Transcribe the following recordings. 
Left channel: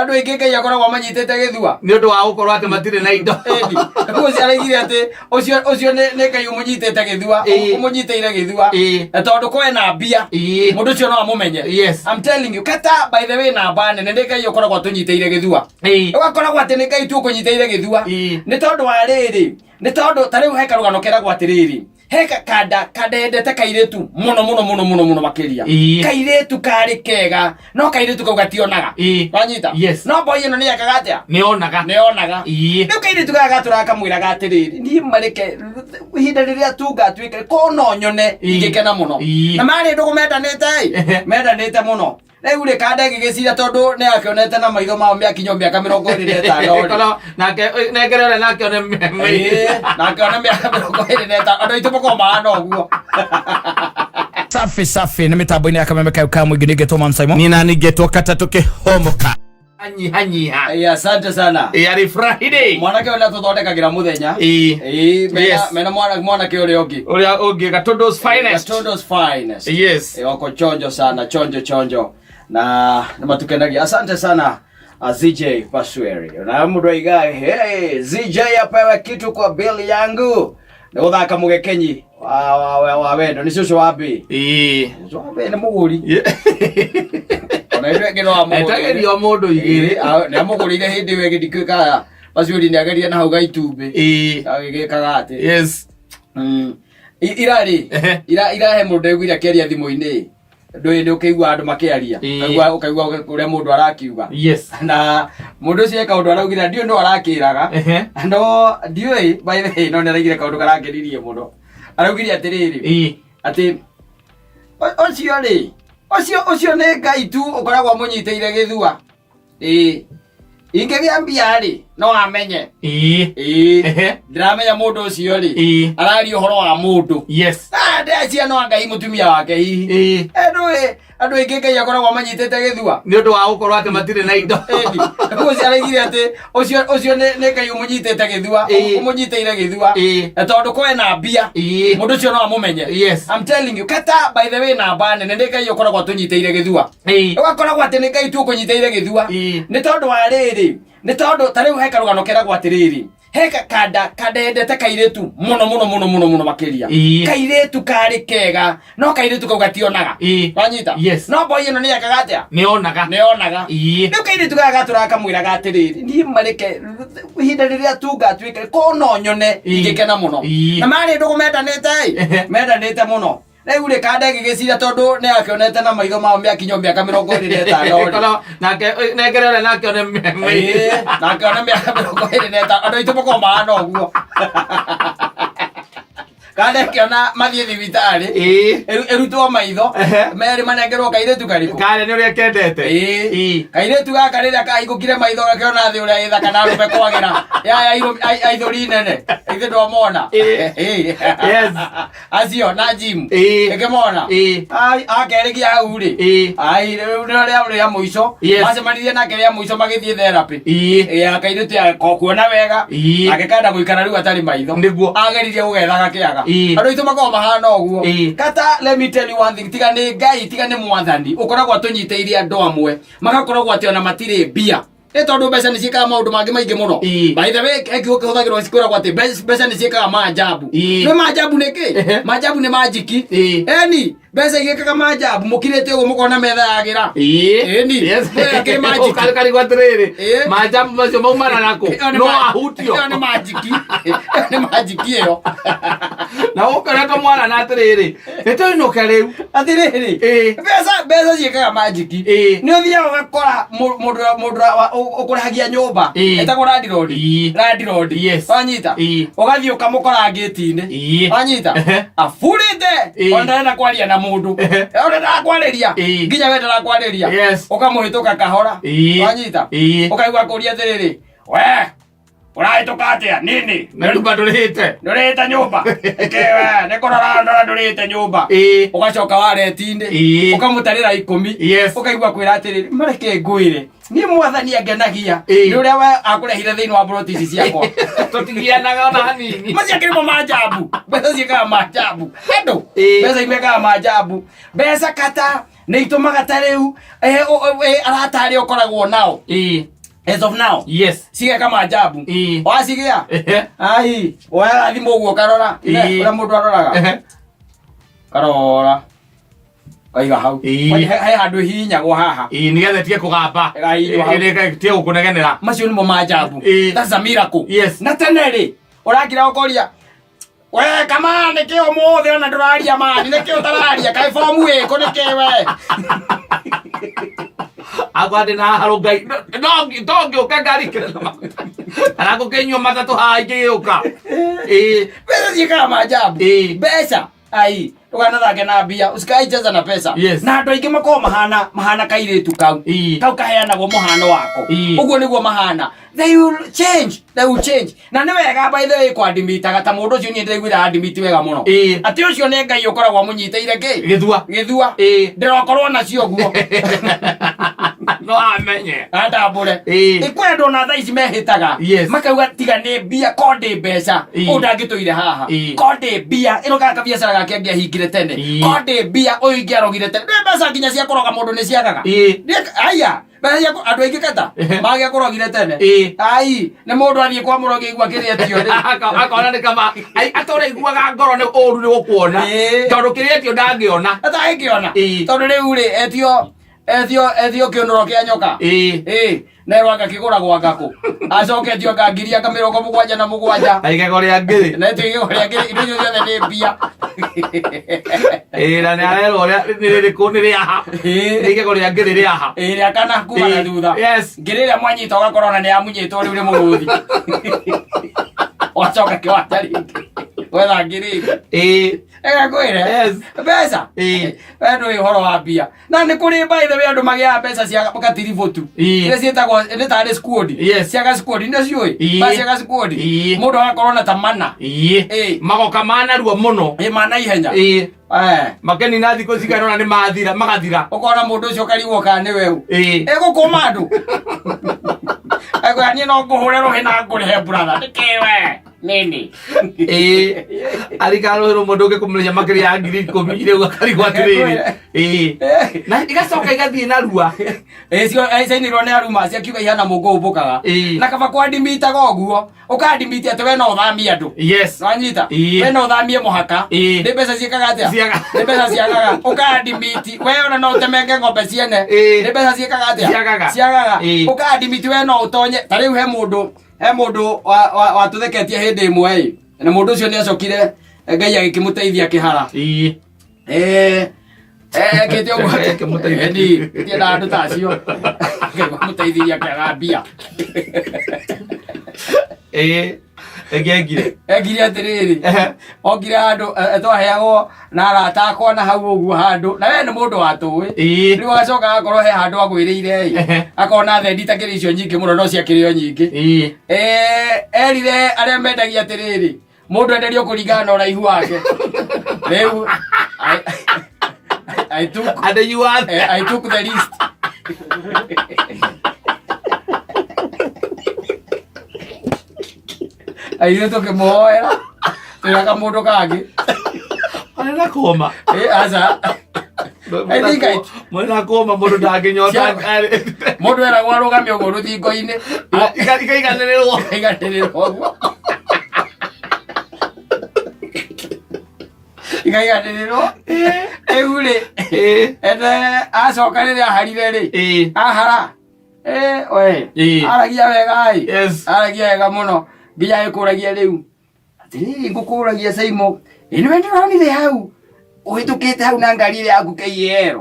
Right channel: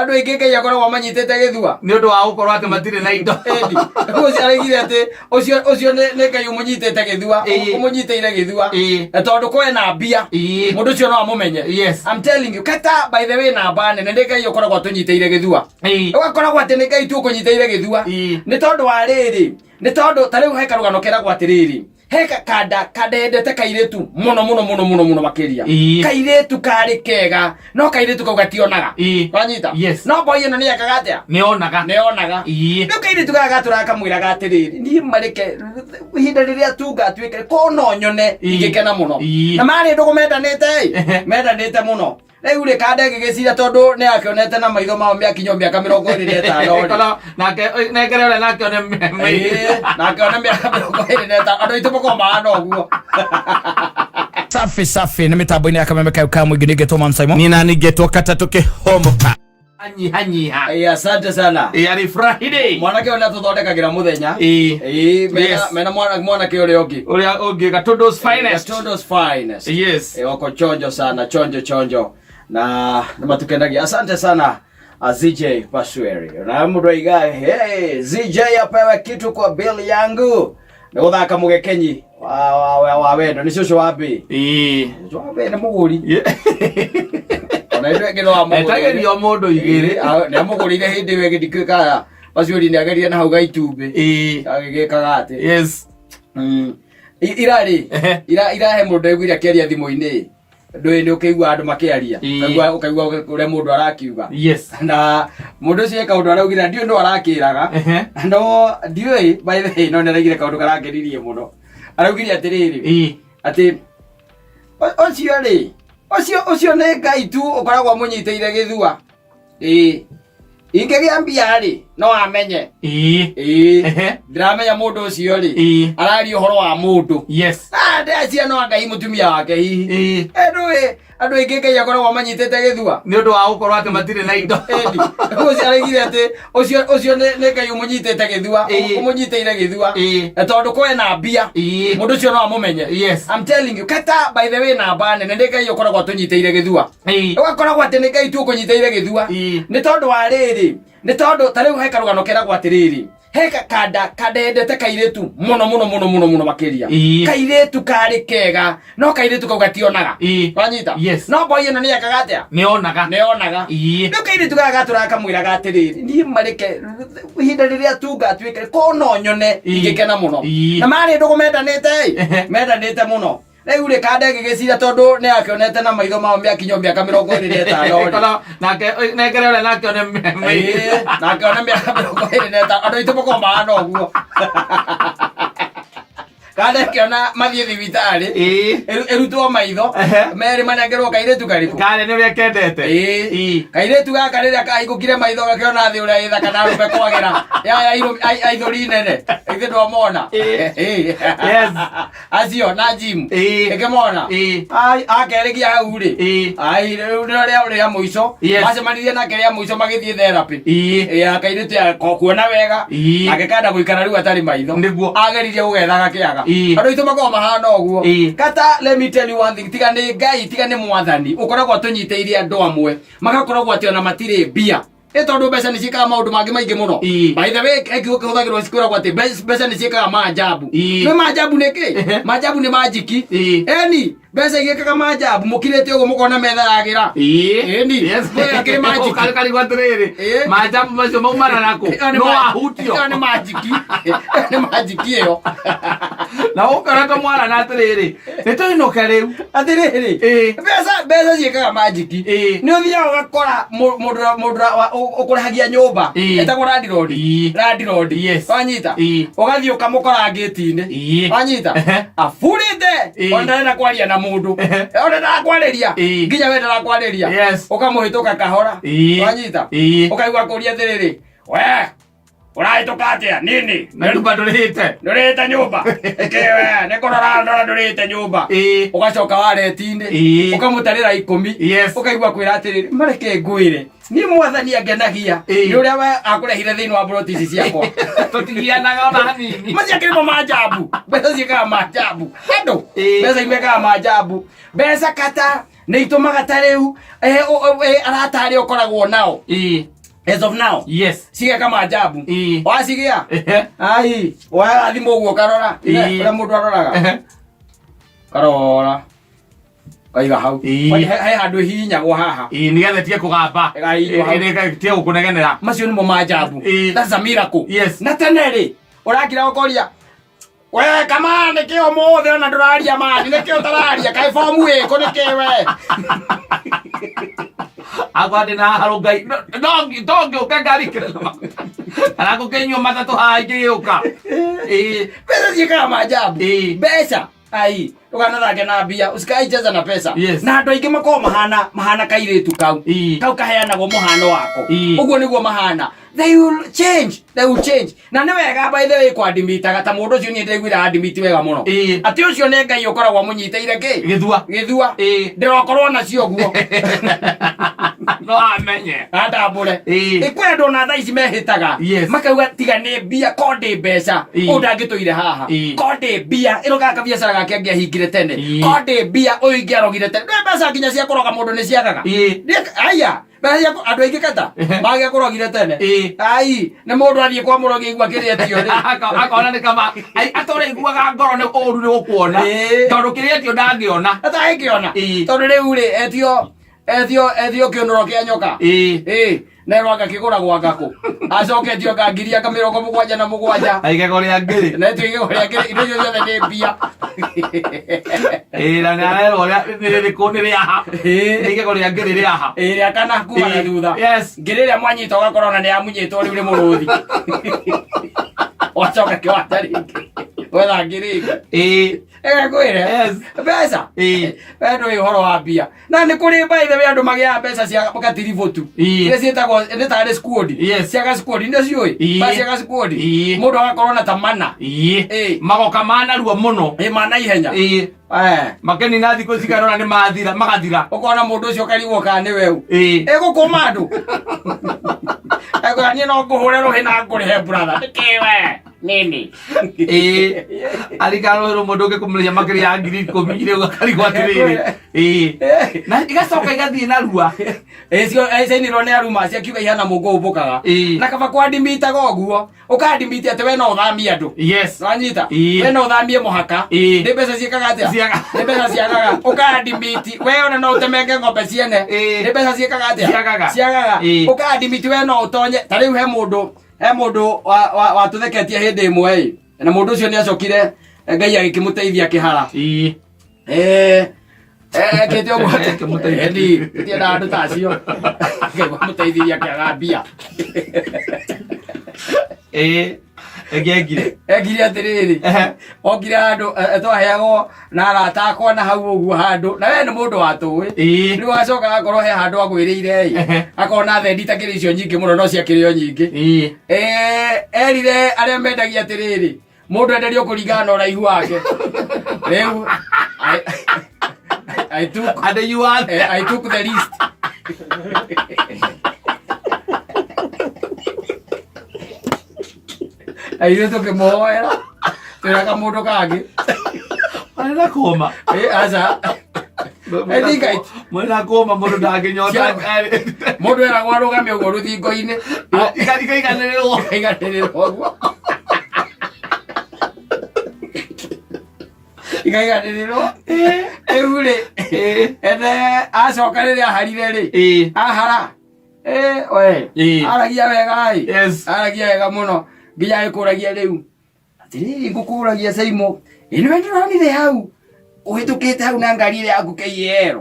andu aingi Ngai akoragwo manyitete githua ni undu wa gukorwo ati matire na indo ucio arigire ati ucio ni Ngai umunyitete githua umunyiteire githua tondu kwe na mbia mundu ucio no amumenye. I'm telling you, kata by the way na bane ne Ngai akoragwo tunyiteire githua ugakoragwo ati ni Ngai tu kunyiteire githua ni tondu wa riri ni tondu tariu he karugano keragwo atiriri heka kadendete kairetu muno makiria kairetu kari kega no kairetu kau gationaga wanyita no boy ino ni akagatia neonaga no kairetu gagatura kamwira gatiriri ni mareke hinda riria tunga twike ko no nyone igikena muno na mari ndugu mendanite muno Rĩu rĩ kande gĩgĩcira tondu nĩ akĩonete na maitho mao mĩakinyo mĩaka 25 nake negere ole nake one nake one mĩaka 25 andũ aitũ mũkorwo mahana ũguo. Safi nĩ mĩtambo-inĩ ya kameme kau ka mũingĩ nĩngetwo Mam Simon ni na ningetwo kata tũkĩhomoka hanyiha asante sana ari Friday mwanake ona tuthondekagira muthenya mena mwanake ũrĩa ũngĩ Gatundu's finest wako chonjo sana chonjo na nimatukenagia. Asante sana ZJ Pasweri na mundu aigae ZJ apewe kitu kwa bill yangu na guthaka mugekenyi wa wendo ni cucu wa mbi ni muguri na indo ngino wa muguri etagerio mundu igiri ni amugurire hindi we gidikika Pasweri ni ageria na hau gaitumbi agigikaga ati irahe mundu egwira keria thimo-ini ndui ukigwa andu makiaria ukaigwa uria mundu arakiuga na mundu cie kaundu araugira ndio ndo arakiraga no ndioi by the way no ni araigire kaundu karakiririe muno araugiria atiriri ati ocio ni Ngai tu ukoragwo munyiteire githua ingegia mbia ri no amenye ndiramenya mundu ucio ri arari uhoro wa mundu ndecia no Ngai mutumia wake hihi andu aingi Ngai akoragwo manyitete githua ni undu wa gukorwo ati matire na indo ucio arigire ati ucio ni Ngai umunyitete githua umunyiteire githua tondu kwe na mbia mundu ucio no amumenye. I'm telling you, kata by the way na bane ne Ngai akoragwo tunyiteire githua ugakoragwo ati ni Ngai tu kunyiteire githua ni tondu wa riri ni tondu tariu he karugano keragwo atiriri heka kadendete kairetu muno makiria kairetu kari kega no kairetu kau gationaga wanyita no boy ino ni akagatia neonaga no kairetu gagatura kamwira gatiriri ni mareke hinda riria tunga twike ko no nyone igikena muno na mari ndugu mendanite muno. Rĩu rĩ kande gĩgĩcira tondu nĩ akĩonete na maitho mao mĩakinyo mĩaka 25 nake negere ole nake one mĩaka 25 andũ aitũ mũkorwo mahana ũguo kande kiona mathie thibitari erutwo maitho meri manengerwo kairetu kariku kale ni uria kendete kairetu gaka riria kahingukire maitho gakiona thi uria ithaka na rume kwagira ya aithori nene ithe ndo mona acio na gym ikimona akerigia hau ri ria muico macemanirie nake ria muico magithie therapy kairetu kuona wega agikanda guikara riu atari maitho ageririe gugethaga kiaga andu itu makoma mahana uguo kata let me tell you one thing tiga ni Ngai tiga ni mwathani ukoragwo tunyiteirie andu amwe magakoragwo ati ona matire mbia tondu mbeca ni ciikaga maundu mangi maingi muno by the way huthagirwo cikoragwo ati mbeca ni ciikaga maajabu ni maajabu niki maajabu ni majiki mbeca igikaga maajabu mukirite uguo mukona metha yagira kiri majiki kali gwatiriri maajabu macio maumana nako no ahutio ni majiki iyo na ukareka mwana na atiriri nitoinoka riu atiriri mbeca ciikaga majiki ni uthia ugakora mundu ukurehagia nyumba etagwo landlord wanyita ugathii ukamukora ngiti-ini wanyita afurite onarenda kwaria na mundu onarenda kwariria nginya wendera kwariria ukamuhituka kahora wanyita ukaigua kuria atiriri we urahituka atia nini nyumba ndurite nyumba kewe nikurora ndora ndurite nyumba ugacoka wareti-ini ukamutarira 10 ukaigua kwira atiriri mareke ngwire ni mwathani angenagia ni uria we akurehire thiini wa brotisi ciakwa tutigianaga ona hanini maciakirimo maajabu mbeca ciikaga maajabu andu mbeca imekaga maajabu mbeca kata nä itåmaga ta rä u aratari å koragwo nao as of now cigeka manjambu wacigä a ai woyaga thimå guo karora å rä a må ndå aroraga karora kaiga hau he handå hihinyagwo haha nä getha tige kå gamba tige gå kå negenera macio nä mo manjambu that's a miracle na tene rä å ragira å koria we kama nä kä o må thä ona ndå raria mani nä kä o tararia kaä bomu ä kå nä kä we akwandä na harå ngai tongä å ka ngari kä aragå kä nyua matatå haingä å ka mbeca ciäkaga manjambu mbeca ai tukanathake na mbia usikaicheza na pesa na andu aingi makoo mahana kairitu kau kaheanagwo muhano wako uguo niguo mahana they will change na ni wega by the way kwandimitaga ta mundu ucio ni ndiguira andimiti wega muno ati ucio ne ngai ukoragwo munyiteire ki githua ndirokorwo nacio guo no amenye andambure ikwendo na thaa ici mehitaga makauga tiga ni mbia konde mbeca undangituire haha konde mbia iroga kabiacara gake angehingire tene konde mbia uyu arogire tene mbeca nginya cia kuroga mundu ni ciagaga aya mbeca andu aingi kata mage kurogire tene ai ni mundu athie kwa murogi igua kiretio ri akona ni kama atore iguaga ngoro ni uru ni gukuona tondu kiretio ndangiona ataingiona tondu riu ri etio kionoro kia nyoka na rwanga kigura gwa ngako acoketio ngangiria ka 77 aigego ria ngiri na tigego ria ngiri indo ciothe ni mbia na ni arero ria ni kuni ria ha aigego ria ngiri ria ha ria kana kuma na thutha ngiri ria mwanyita ugakorona ni amunyitwo riu ni muruthi wacoka kiwata ringi wetha ngiri ega kwire mbeca wendo ihoro wa mbia na ni kuri by the way andu magia mbeca cia gatirivotu ile cietagwo ni tare squad cia squad ndio cioi basi cia squad mundu agakorwo na tamana magoka mana ruo muno mana ihenya makeni na thiko cikarona ni mathira magathira ukona mundu ucio karigwo ka ni weu egukuma andu ni no nguhure ruhi na ngurihe brother nikiwe nini arikaro hero mundu ngikumeria makiri ya ngiri 10 ile ukarigwo atiriri na igacoka igathie na rua cio ni ne aruma cia kiuga ihana mungu ubukaga na kaba kwandimita goguo ukandimita ate we no uthamia andu wanyita we no uthamie muhaka ni mbeca ciekaga atia ni mbeca ciagaga ukandimiti we ona no utemenge ng'ombe ciene ni mbeca ciekaga atia ciagaga ukandimiti we no utonye tariu he mundu watutheketie hindi imwe na mundu ucio ni acokire ngai agikimuteithia kihara kete ogwa kimuteithia ndi na andu tacio ngai kiaga mbia egire atiriri ogire handu twaheagwo na arata akwa na hau uguo handu na we ni mundu watui riu agacoka agakorwo he handu agwiriire akona thendi takiri icio nyingi muno no ciakirio nyingi erire aria mendagia atiriri mundu enderio kuringana na uraihu wake riu I took the list aire tukimuhoera twiraga mundu kangi arenda koma aca mwena koma mundu ndanginyota mundu eragwo arugamie uguo ruthingo-ini ikaiganĩrĩrwo ũguo ikaiganĩrĩrwo rĩu rĩ ene acoka rĩrĩa aharire rĩ ahara aragia wega aragia wega muno nginya gĩkũragia rĩu atĩrĩrĩ ngũkũragia Saimo nĩwe ndĩronire hau ũhĩtũkĩte hau na ngari ĩrĩa yaku KEL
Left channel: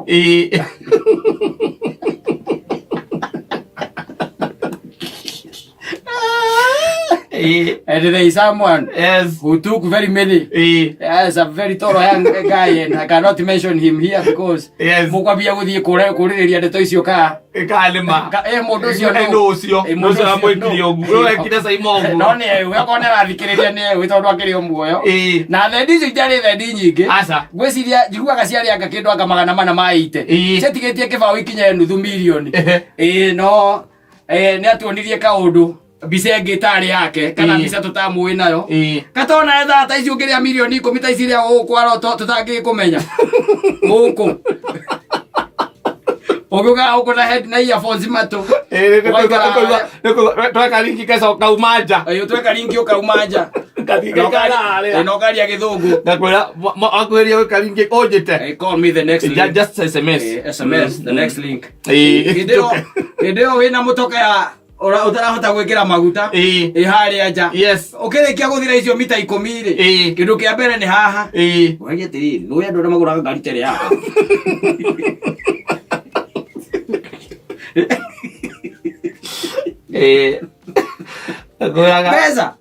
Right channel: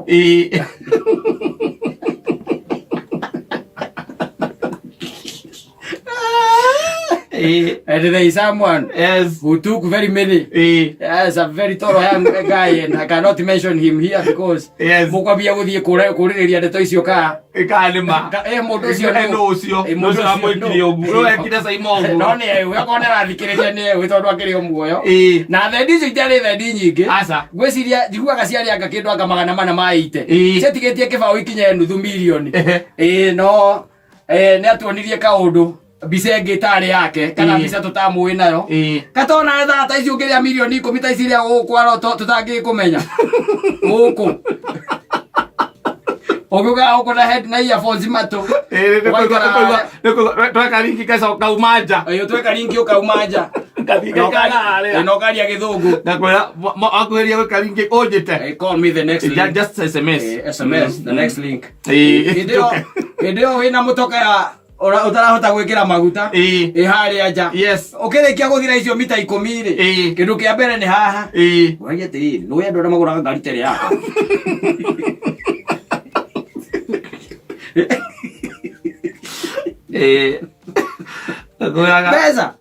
and there is someone who took very many a very tall young guy and I cannot mention him here because mukwambia guthie kuririria ndeto icio ka kalima mundu ucio mundu amwikire uguo wekire Saimo uguo no ni we akona rathikiriria ni we tondu akirio muoyo na thendi icio itari thendi nyingi gwiciria njiguaga ciari anga kindu anga 400 maite cetigetie kibao ikinye nuthu milioni no ni atuonirie kaundu mbica ĩngĩ ĩtarĩ yake kana mbica tũtamũĩ nayo katona etha ta ici ũngĩrĩa milioni 10 ta ici iria ũkwaro tũtangĩkũmenya gũkũ Ogoga ukona head na earphones mato. Tweka linki kesa ukaumanja. Tweka linki ukaumanja. Nokali ya githungu. Ngakwira akweria weka linki ojete. Call me the next link. Just SMS. SMS the next link. Video wina mutoka ya utarahota gwikira maguta ihari aja. Yes. Ukirikia guthira icio mita 10 ri. Kindu kia mbere ni haha. Wage tiri, no ya ndora magura ngari tere yako. Pesa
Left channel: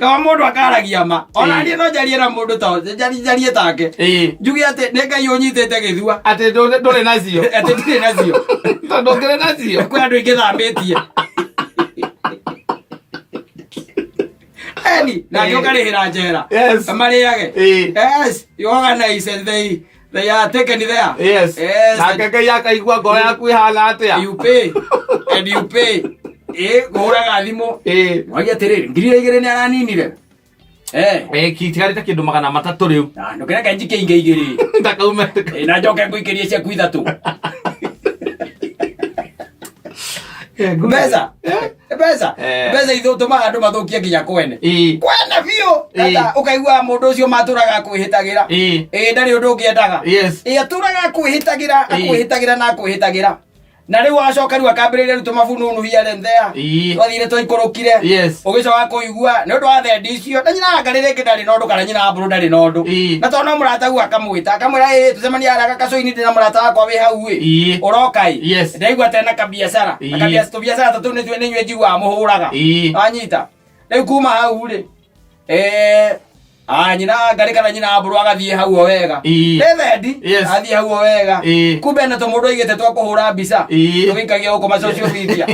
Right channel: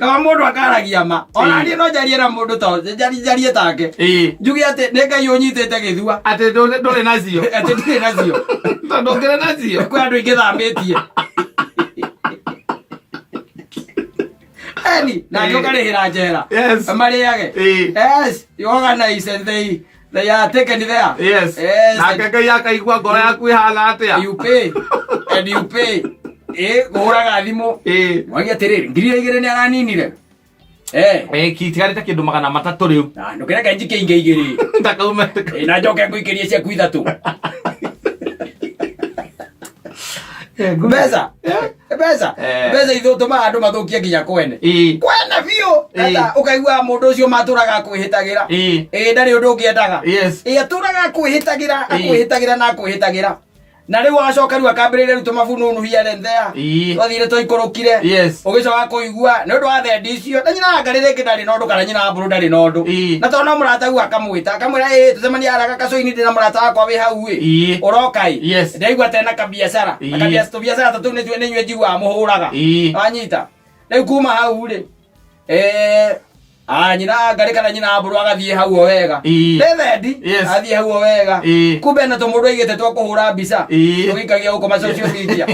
kama mundu akaragia ma ona ni no jarie na mundu to jarie take njugi ate ne ngai unyitete githua ate ndore nacio ate ndire nacio tondu ngire nacio kwa andu ingithambitie eni na ndio karihira njera mariage yes you organize and they are taken there yes na ngai akaigua ngoro yaku ihana atia you pay and you pay goraga thimo wagi atiriri ngiri igire ni araninire kitigari ta kindu 300 riu ndo kira kanji keinge igiri ndakaume na njoke nguikirie cia kuithatu Beza ithu tuma andu mathukie nginya kwene biu ata ukaigua mundu ucio maturaga kwihitagira ndari undu ungiendaga aturaga kwihitagira na riu agacoka riu akambiriria riu tumabununu here and there twathire twikurukire ugicoka kuigua ni undu wa thendi icio na nyina ngarire ngindari nondu kana nyina mburu ndari nondu na tona murata u akamwita akamwira tucemania araga kacoini ndina murata wakwa wi hau urokai ndaigua tena kabiacara biacara tatu ni nywe njigua muhuraga anyita riu kuma hau ri nyina ngari kana nyina mburu agathie hau o wega thendi athie hau o wega kumbe na tumundu igite twa kuhura mbica tugikagia guko social media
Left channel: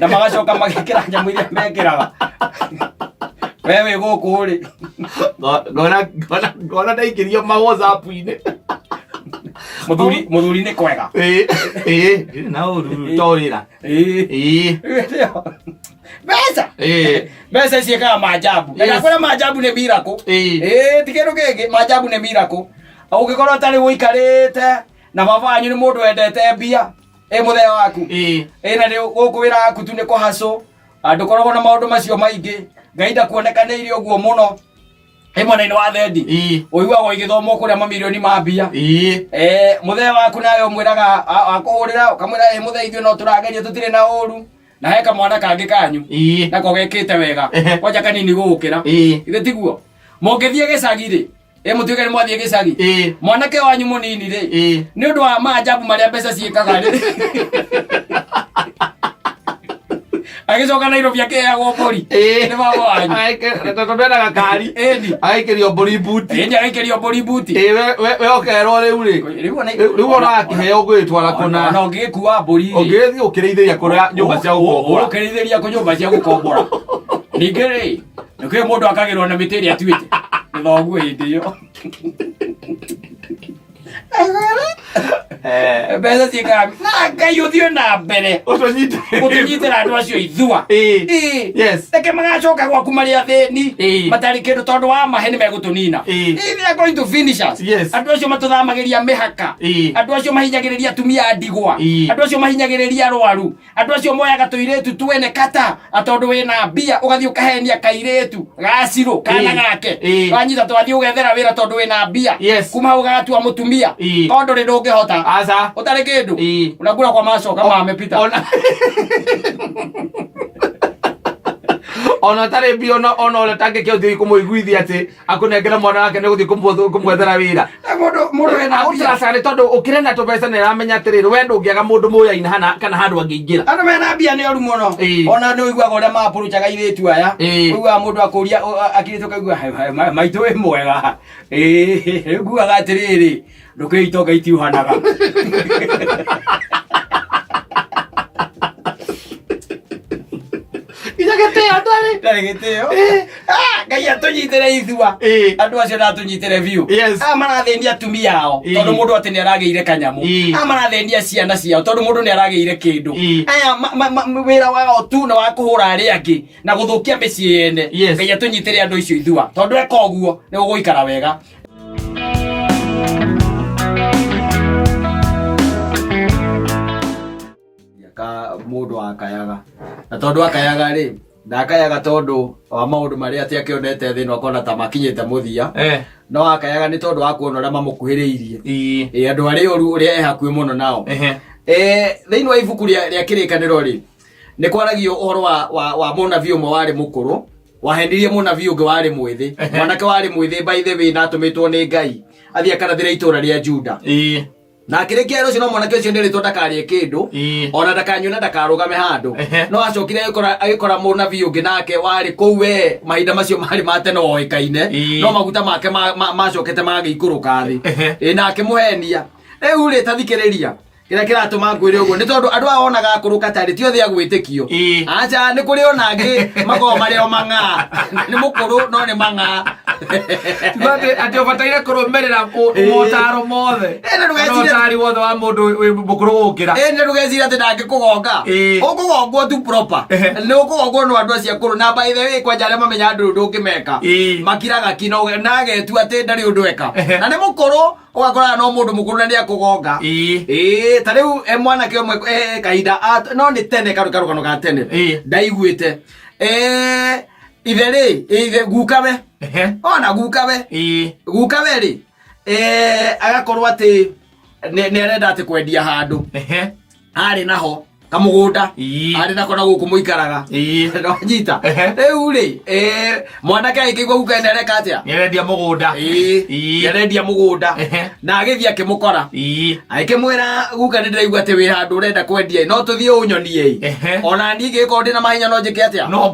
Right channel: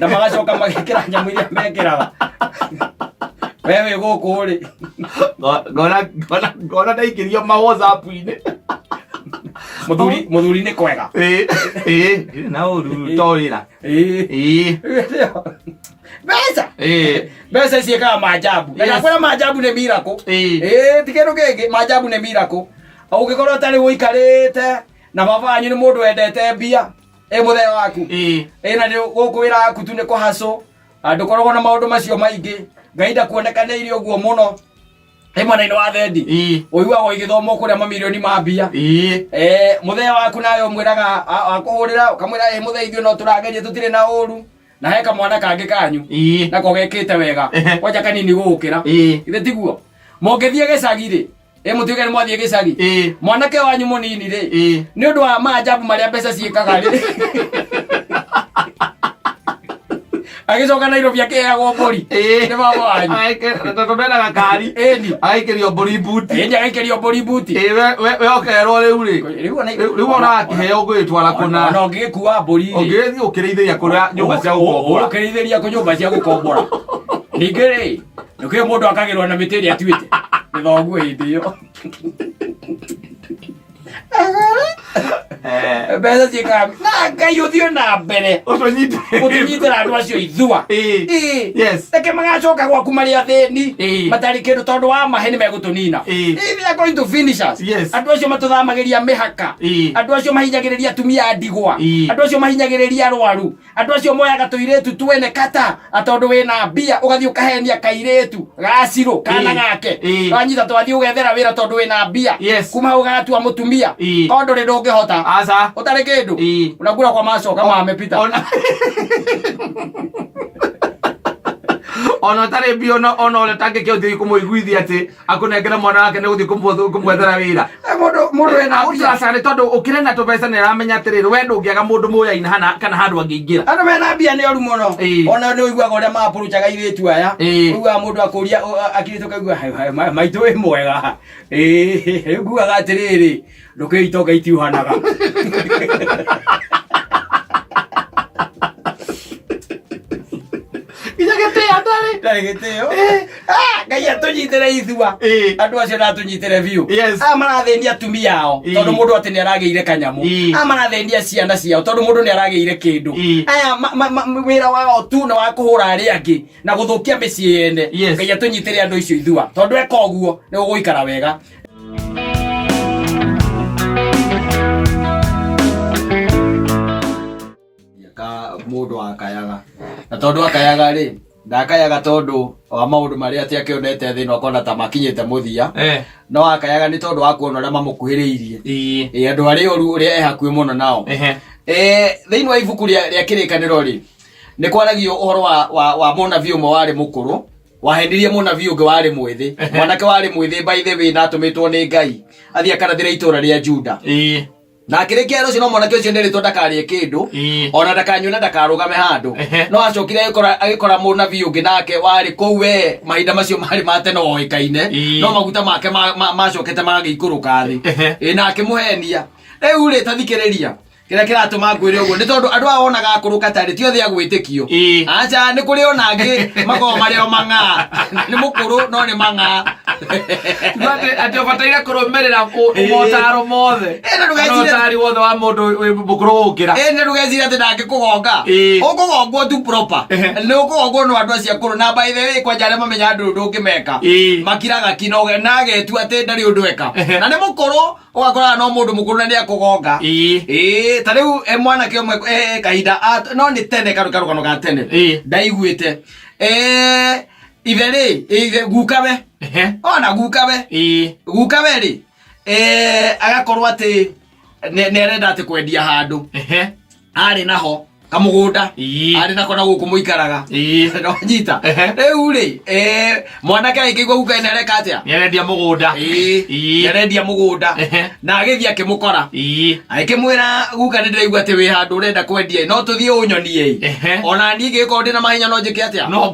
na magacoka magikira nyamu iria mekiraga wewe guku ri ngona ndaikirio ma WhatsApp ine muthuri ni kwega na uru torira Besa ciekaga maajabu na kwera maajabu ni miracle tikiru kingi maajabu ni miracle ugikorwo tari wikarite na baba wanyu ni mundu wendete mbia muthea waku na ni gukwira aku tu ni kuhaso ndukoragwo na maundu macio maingi ngai ndakuonekaniire uguo muno mwena-ini wa thendi uiguagwo igithomo kuria mamilioni ma mbia muthea waku nawe umwiraga akuhurira ukamwira muthea ithio no turageria tutire na uru na heka mwana kangi kanyu nako gekite wega kwanja kanini gukira ithe tiguo mongethie gicagi ri mutuike ni mwathie gicagi mwanake wanyu munini ri ni undu wa maajabu maria mbeca ciikaga ri agicoka Nairobi akeagwo mburi ni baba wanyu tondwendaga kari aikirio mburi buti aikirio mburi buti we okerwo riu ri riu ona akiheo gwitwara kuna no ngikua mburi ungithii ukiriithiria kuria nyumba cia gukombora ukiriithiria ku nyumba cia gukombora ningi ri nukio mundu akagirwo na mitiri atuite ni thoguo hindi iyo mbeca ciikaga na ngai uthio na mbere utunyitira andu acio ithua reke magacoka gwaku maria thini matari kindu tondu wa maheni megutunina they are going to finish us andu acio matuthamagiria mihaka andu acio mahinyagiriria atumia ndigwa andu acio mahinyagiriria arwaru andu acio moyaga tuiretu twene kata atondu wina mbia ugathie ukahenia kairetu gaciro kana gake wanyita twathie ugethera wira tondu wina mbia kuma ugatua mutumia tondu ri ndungihota asa utari kindu unakula kwa maso kama amepita ona tare bio ona ole tange kyo thii kumuiguithia ati akunengera mwana wake ne guthii kumwethera wira mundu ena mbia sare tondu ukirena tubesa ne ramenya atiriri we ndungiaga mundu muya-ini hana kana handu angiingira andu mena mbia ni oru muno ona ni uiguaga uria mapuruchaga iretu aya uiguaga mundu akuria akirituka uigua maitu wi mwega uiguaga atiriri ndukiitoga itiuhanaga ngai atunyitire ithua andu acio natunyitire biu marathenia atumia ao tondu mundu ati ni arageire kanyamu marathenia ciana ciao tondu mundu ni arageire kindu aya wira wao tu na wa kuhura ari angi na guthukia micii yene ngai atunyitire andu icio ithua tondu eka uguo ni uguikara wega. mundu akayaga na tondu akayaga ri ndakayaga tondu wa maundu maria ati akionete thini akona ta makinyite muthia no akayaga ni tondu wa kuona uria mamukuhiriirie andu aria oru uria ehakui muno nao thini wa ibuku ria kirikaniro ri ni kwaragio uhoro wa munabii umwe wari mukuru wahendirie munabii ungi wari mwithi mwanake wari mwithi by the way na atumitwo ni Ngai athie akarathira itura ria Juda na akirikia rucio no mwanake ucio ndiritwo ndakarie kindu ona ndakanyuna ndakarugame handu no acokire agikora munabii ungi nake wari kou we mahinda macio mari mate no oikaine no maguta make macokete magikuruka thi na akimuhenia riu ri tathikiriria kira kiratuma ngwire uguo ni tondu andu aonaga akuruka tari ti othe agwitikio acha ni kuri onangi mago mario manga ni mukuru no ni manga bati ati obataire kurumerera umotaro mothe no tari wothe wa mundu mukuru ukira ni ndugecira ati ndangi kugonga ukugongwo tu proper ni ukugongwo no andu acia kuru na by the way kwa jare mamenya andu ndungimeka makiraga kino nage tu ati ndari undu eka na ni mukuru ugakora no mundu mukuru na ndi akugonga tariu mwana ke omwe kahinda no ni tene karukano ka tene ndaiguite ithe gukabe ona gukabe ri agakorwo ati ne arenda ati kwendia handu ari naho kamugunda ari nako na guku muikaraga no nyita riu ri mwanake aikigwa guka nereka atia yerendia mugunda na agithia kimukora aikimwira guka ni ndiraigua ati wi handu urenda kwendia no tuthie unyonie ona ni giko ndina mahinya no njike atia no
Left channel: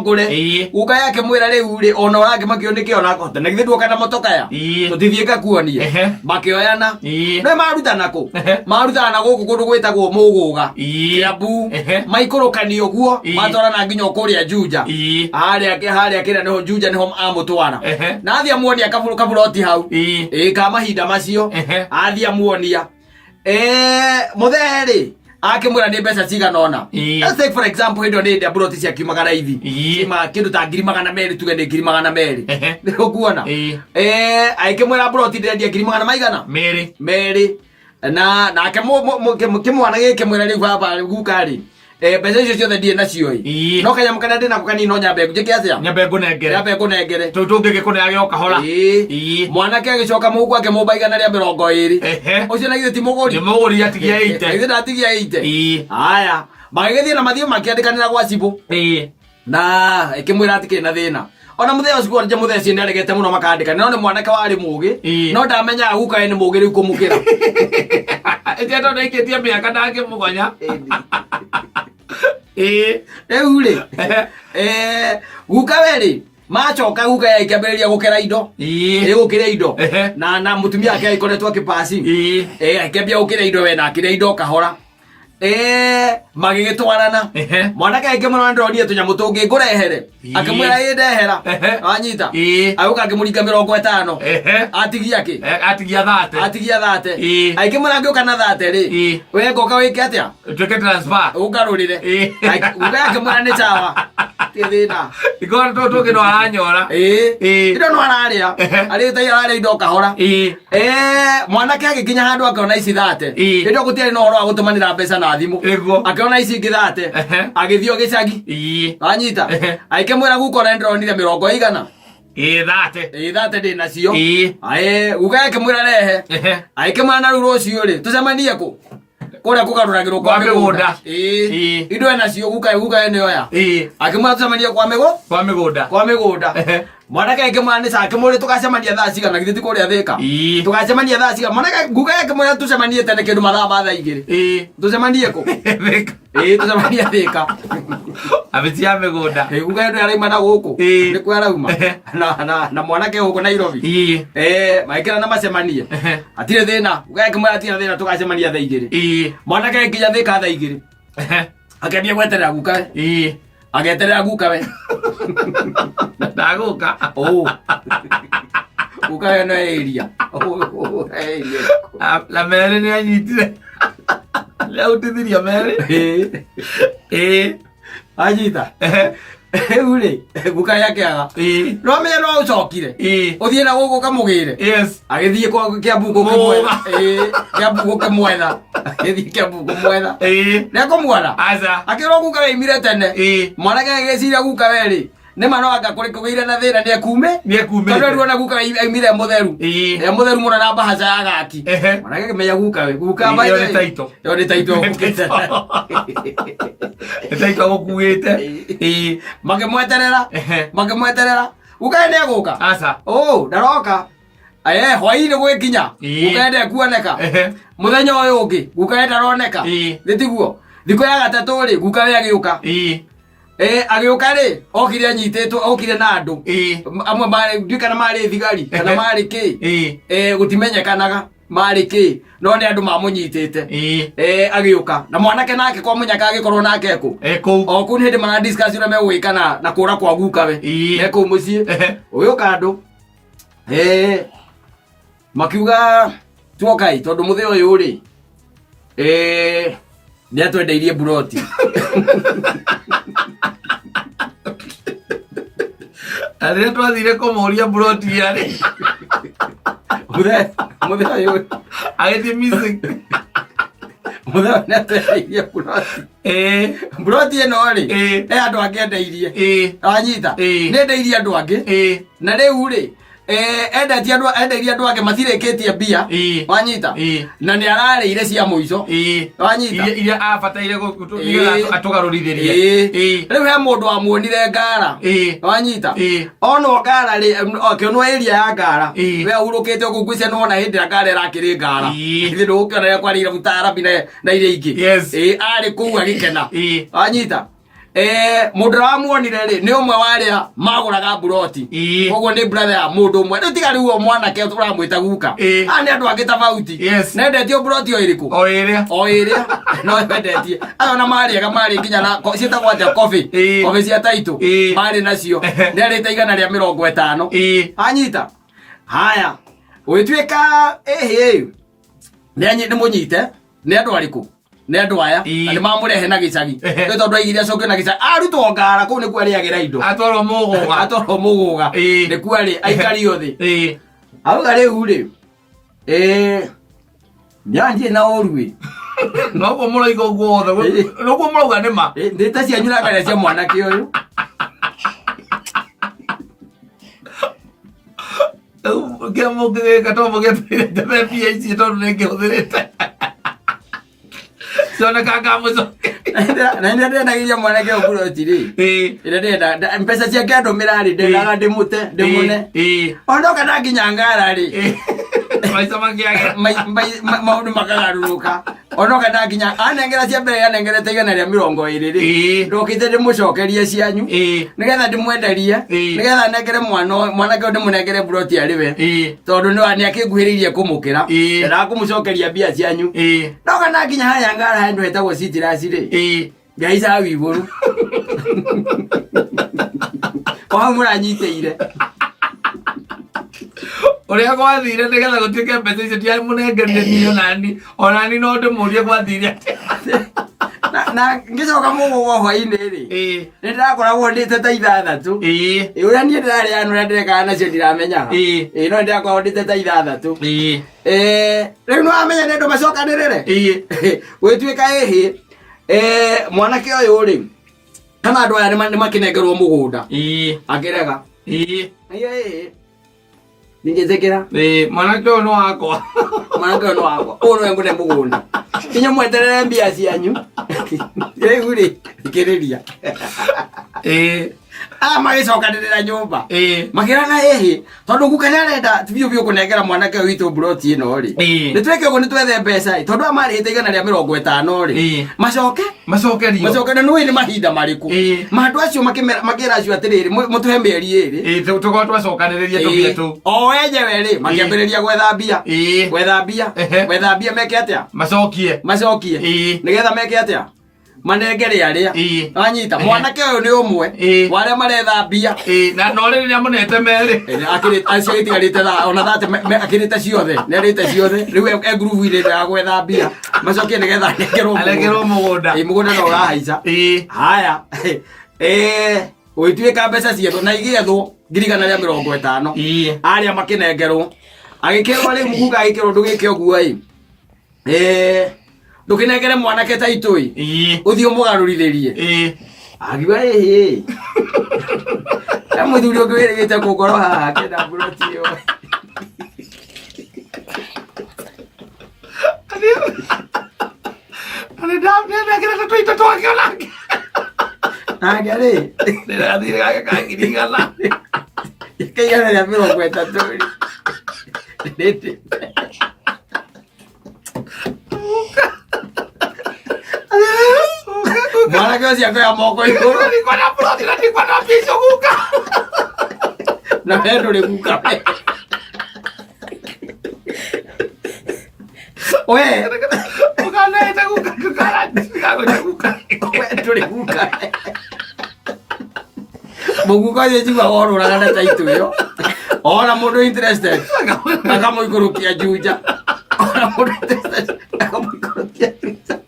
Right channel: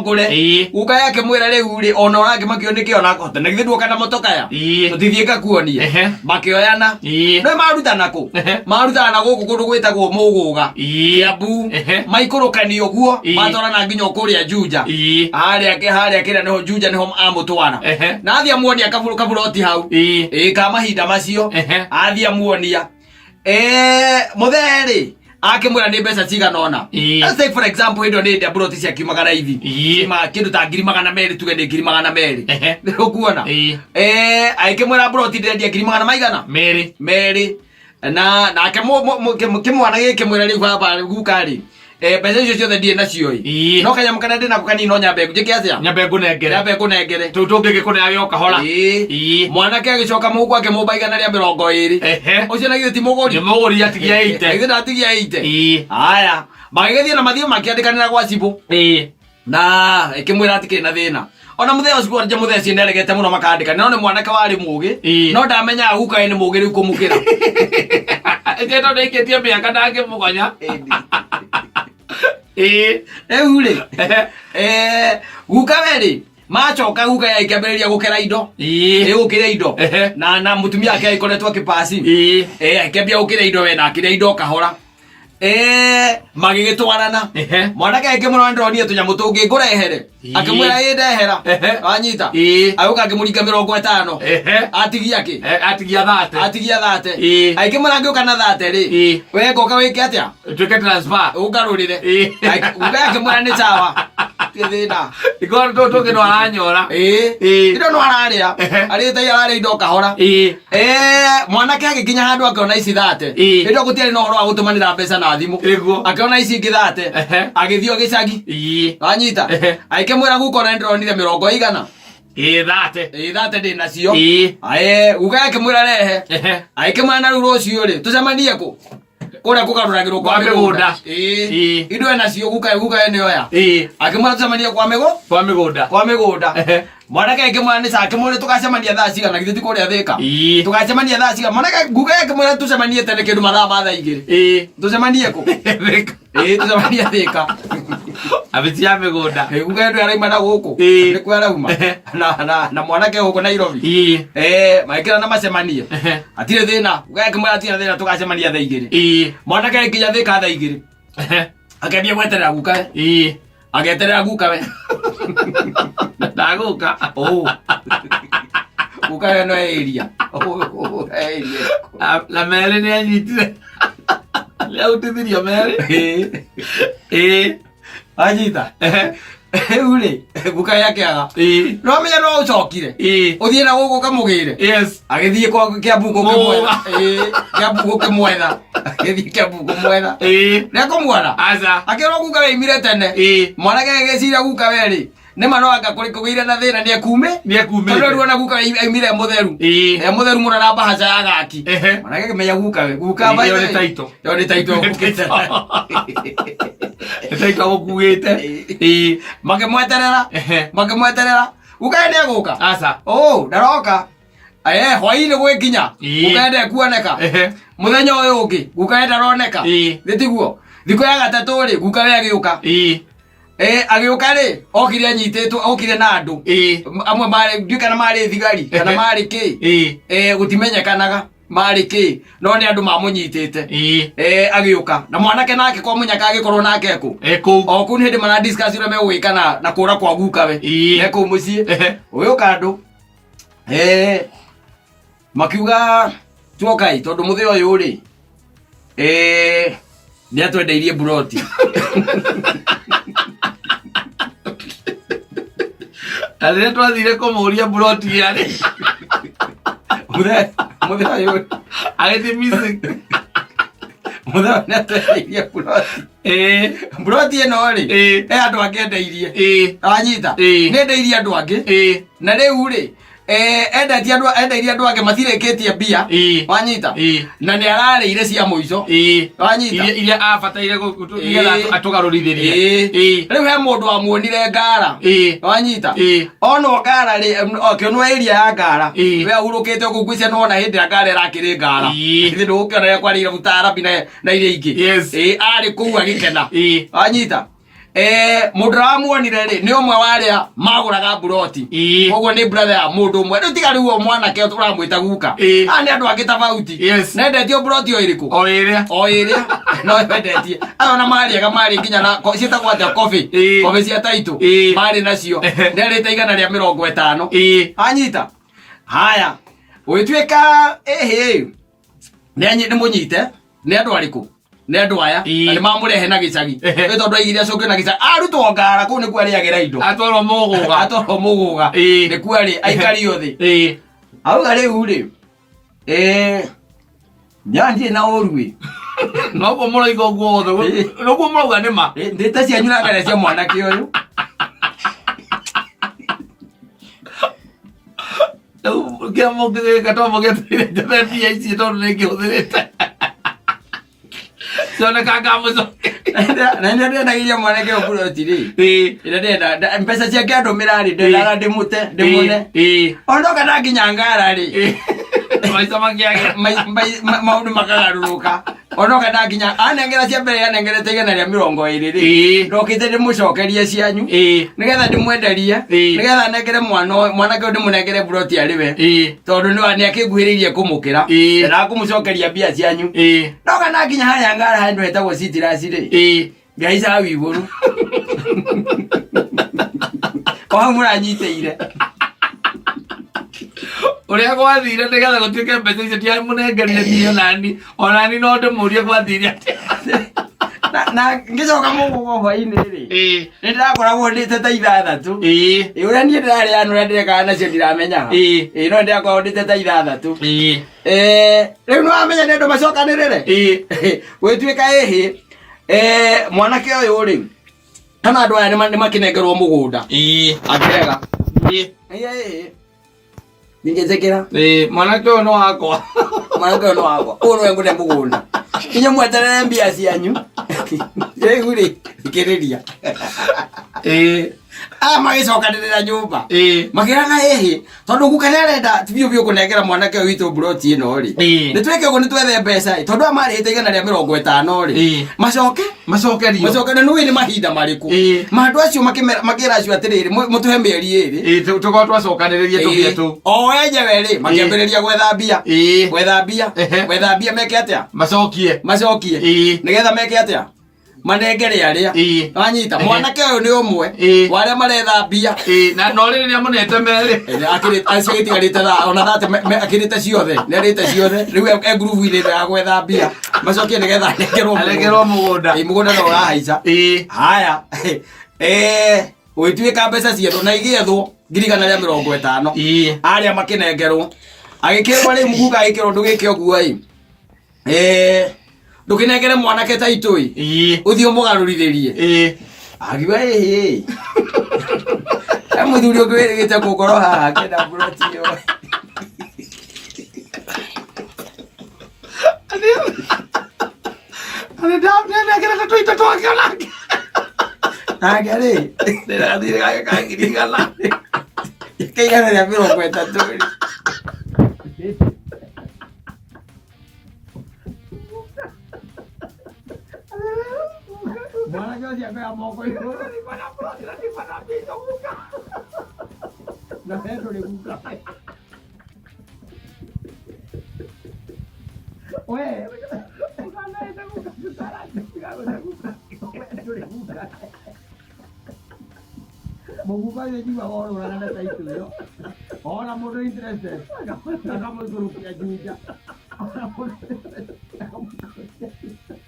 ngure guka yake mwira riu ri ona urangi makionike ona akota na githie nduka na motoka ya tutithie kakuonie makioyana no marutana guku kundu gwitagwo muguga Kiambu maikurukanio guo matwarana nginya kuria Juja haria kira niho Juja niho amutwara na athia muonia kaburoti hau ka mahinda macio athia muonia mutheri akimwira ni mbeca cigana ona let's take for example indo ni buroti cia kimagana ithi ma kindu ta 200,000 tuge ni 200,000 ni ukuona akimwira buroti ndendia 200,000 maigana meri na kimwana gike mwira riu baba guka ri mbeca icio ciothe ndie nacio no kanya mukana ndina kukanino nyambe njike atia nyambe nengere tutungi kunea gioka hora mwanake agicoka mugu ake mubaigana ria 20 ucio na githiti muguri atigia 8 ithe atigia 8 haya magigithie na mathio makiandikanira gwa cibu na ikimwira ati kina thina ona mutheo cibu anje mutheo ci neregete muno makandika no ni mwanake wari mugi no ndamenya guka ni mugi riu kumukira eto ndeiketie miaka ndange mugonya ri guka weri machoka guka ya ikambiriria gukera indo gukira indo na mutumia ake ikoretwo kipasi akambia gukira indo we na akira indo kahora magigitwarana mwanake akimura ndronie tunyamu tungi ngurehere akimwira ndehera anyita aguka akimuringa 50 atigia 30 akimura ngioka na 30 ri we ngoka wike atia tuke transfer ugarurire uga akimura ni chawa kithina iko tungi no aranyora indo no araria ari tayari indo kahora mwanake agikinya handu akona ici 30 indo gutiari no horo agutumanira mbeca na thimu akiona ici ingi 30 agithio gicagi anyita aikemwira gukora ndronire 100 30 ndi nacio uga akimwira rehe aikemwira na rucio ri tucemanie ku kuria kugaruragirwo kwa migunda indo nacio guka ene oya akimwira tucemanie kwa migunda mwanake akimwira ni sake muri tukacemania thaa cigana githiti kuria thika tukacemania thaa cigana mwanake guka akimwira tucemanie tene kindu mathaa ma thaa igiri tucemanie ku tucemanie thika abitia migunda guka ndu araima na guku ni kwa arauma na mwanake huko Nairobi maikira na macemanie atire thina guka akimwira atire thina tukacemania thaa igiri mwanake akinya thika thaa igiri akambia gweterera guka ageterera guka we ndaguka guka no area la mere ni anyitire leo utithirio mere Anyita. Ule guka yake aga. No me no ucokire. Uthie na gugu kamugire. Yes. Agithie kwa Kiambu kimwetha. Kiambu kimwetha. Agithie Kiambu kimwetha. Ne komwana. Aza. Akiro guka we imire tene. Mwana ke gecira guka we ri. Nä mano anga kå rä kå gä ire na thä na nä ekume tondå ruona guka aimire må theru må theru må no na mbahaca ya gaki mwanake kä menya guka we guka yo nä taito taito gå kuä te makä mweterera guka nä egå ka ndaroka hwainä gwä kinya guka ende kuoneka må thenya å yå å ngä guka enda roneka thä tiguo thikå ya gatatå rä guka we agä å ka agĩũka rĩ okire anyitĩtwo okire na andũ amwe marĩ kana marĩ thigari kana marĩ kĩ gũtimenyekanaga marĩ kĩ no nĩ andũ mamũnyitĩte agĩũka na mwanake nake kwa mũnyaka agĩkorwo nake kũ o kũu nĩ hĩndĩ mara discuss ũrĩa megũgĩka na kũũra kwa guka we kũu mũciĩ ũyũ kandũ makiuga tuokai tondũ mũthĩ ũyũ rĩ nĩ atwendeirie buroti Arä twathire kå må ria buroti yarä må thä å yå agä thiä må thä nä atwendeirie buroti ä no rä he andå angä endeirie anyita nä ndeirie andå angä na rä u rä endeirie andå angä matirä kä tie mbia wanyita na nä ararä ire cia må ico wanyita iria abataire atå garå rithirie rä u he må ndå wamuonire ngara wanyita onwo ngara rä akionwo area ya ngara we ahurå kä te å kå ngwä nona hä ndä ä ngara ä rakä rä ngara ithä ndå gå kä ona rä akwarä ire mutarabi na iria ingä arä kå u agä kena wanyita må ndå ramuonire rä nä å mwe warä a magå raga buroti koguo nä brother ya må ndå å mwe rä u tiga rä u o mwanake å ramwä ta guka aya nä andå angä tabauti nendetio buroti o ä rä kå o ä rä a no endetie aya ona marä ega marä nginya na ciätagwo atä kobe cia taitå marä nacio nä arä te igana rä a 50 anyita haya gå gä tuä ka nä må nyite nä andå arä kå nä andå aya nä mamå rehe na gä cagi nä tondå aigire acoke na gä cagi arutwo ngara kå u nä kuo arä agä ra indo atwarwo må gå ga nä kuo arä aikario thä auga rä u rä nyanjie na å ruä noguo må roiga å guo othe noguo må rauga nä ma ndä ta cianyu na ngare cia mwanake å yå kä må gä gatomå gä tåire njathe mbia ici tondå nä ngä hå thä rä te cionekanga må coke na nä ndendagä ria mwanake å buroti rä ä ndenda mbeca ciake andå mä rarä ndendaga ndä må te ndä må ne onoka na nginya ngara rä maica makä maå ndå makagarå rå ka onoka na nginya anengera cia mbere anengerete igana rä a 20 rä ndokä te ndä må cokerie cianyu nä getha ndä mwenderie nä getha nengere mwanake å ndä må nengere buroti arä we tondå nä akä nguhä rä irie kå må kä ra ndakå må cokeria mbia cianyu ndoka na nginya harä ngara handå hetagwo citirasi rä ngaica wigå ru oha må ranyitä ire å rä a gwathire nä getha gå tuä ke mbeca icio tiamå nengerire niä onani onani no ndä må rie gwathire na ngä coka må gå gwa hwainä rä nä ndä rakoragwo ndä te ta 6 å rä a niä ndä rarä anå rä a ndä rekaga nacio ndiramenyaga no ndä rakoragwo ndä te ta 6 rä u nä wamenya nä ndå macokanä rä re gwä tuä ka ä hä mwanake å yå rä kana andå aya nä makä nengerwo må gå nda akä rega ningä tä kä ra mwanake å yå nä wakwa mwanake å yå nä wakwa å nä we ngå ne må gå nda kinya mweterere mbia cianyu rä u rä thikä rä ria magä cokanä rä ra nyå mba makä rana hä tondå guka nä arenda biå biå kå nengera mwanake å witå buroti ä no rä nä tweke å guo nä twethe mbeca tondå aya marä hä te igana rä a 50 rä macoke na nä nä mahinda marä kå mandå acio makä ra acio atä rä rä må tå he mä eri ä rä tå korwo twacokanä rä rie tå bia tå o enyewe rä makä ambä rä ria gwetha mbia meke atä a macokie nä getha meke atä a manengere aria anyita mwanake uyu ni umwe waria maretha mbia na no ri ni amunete meri akirite acio itigarite tha ona thate akirite ciothe ni arite ciothe riu e group ile ya gwetha mbia macokie nigetha alengerwo mugunda mugunda no urahaica haya Uitwika mbeca cietu na igethwo ngirigana ria 50 aria makinengerwo agikirwo ri muguga agikirwo ndugike oguo ndukinengere mwanake ta itui uthio mugarurithiriie agiwa muthuri ungwirigite gukoro haha kenda buroti yo ani ndamnengere tuita twakiona agere ndirathire gakangirigana ikigana ria 30 mwana kwa cia kwa moko iguru ni kwa na ploti na ni kwa na piso guka na hendo le guka oe ukana ita guka kukara guka hendo le guka muguka ye jiwa oro na kana taitu yo ona mundu interested akamo ikurukia juja ona mundu interested akamo ikurukia juja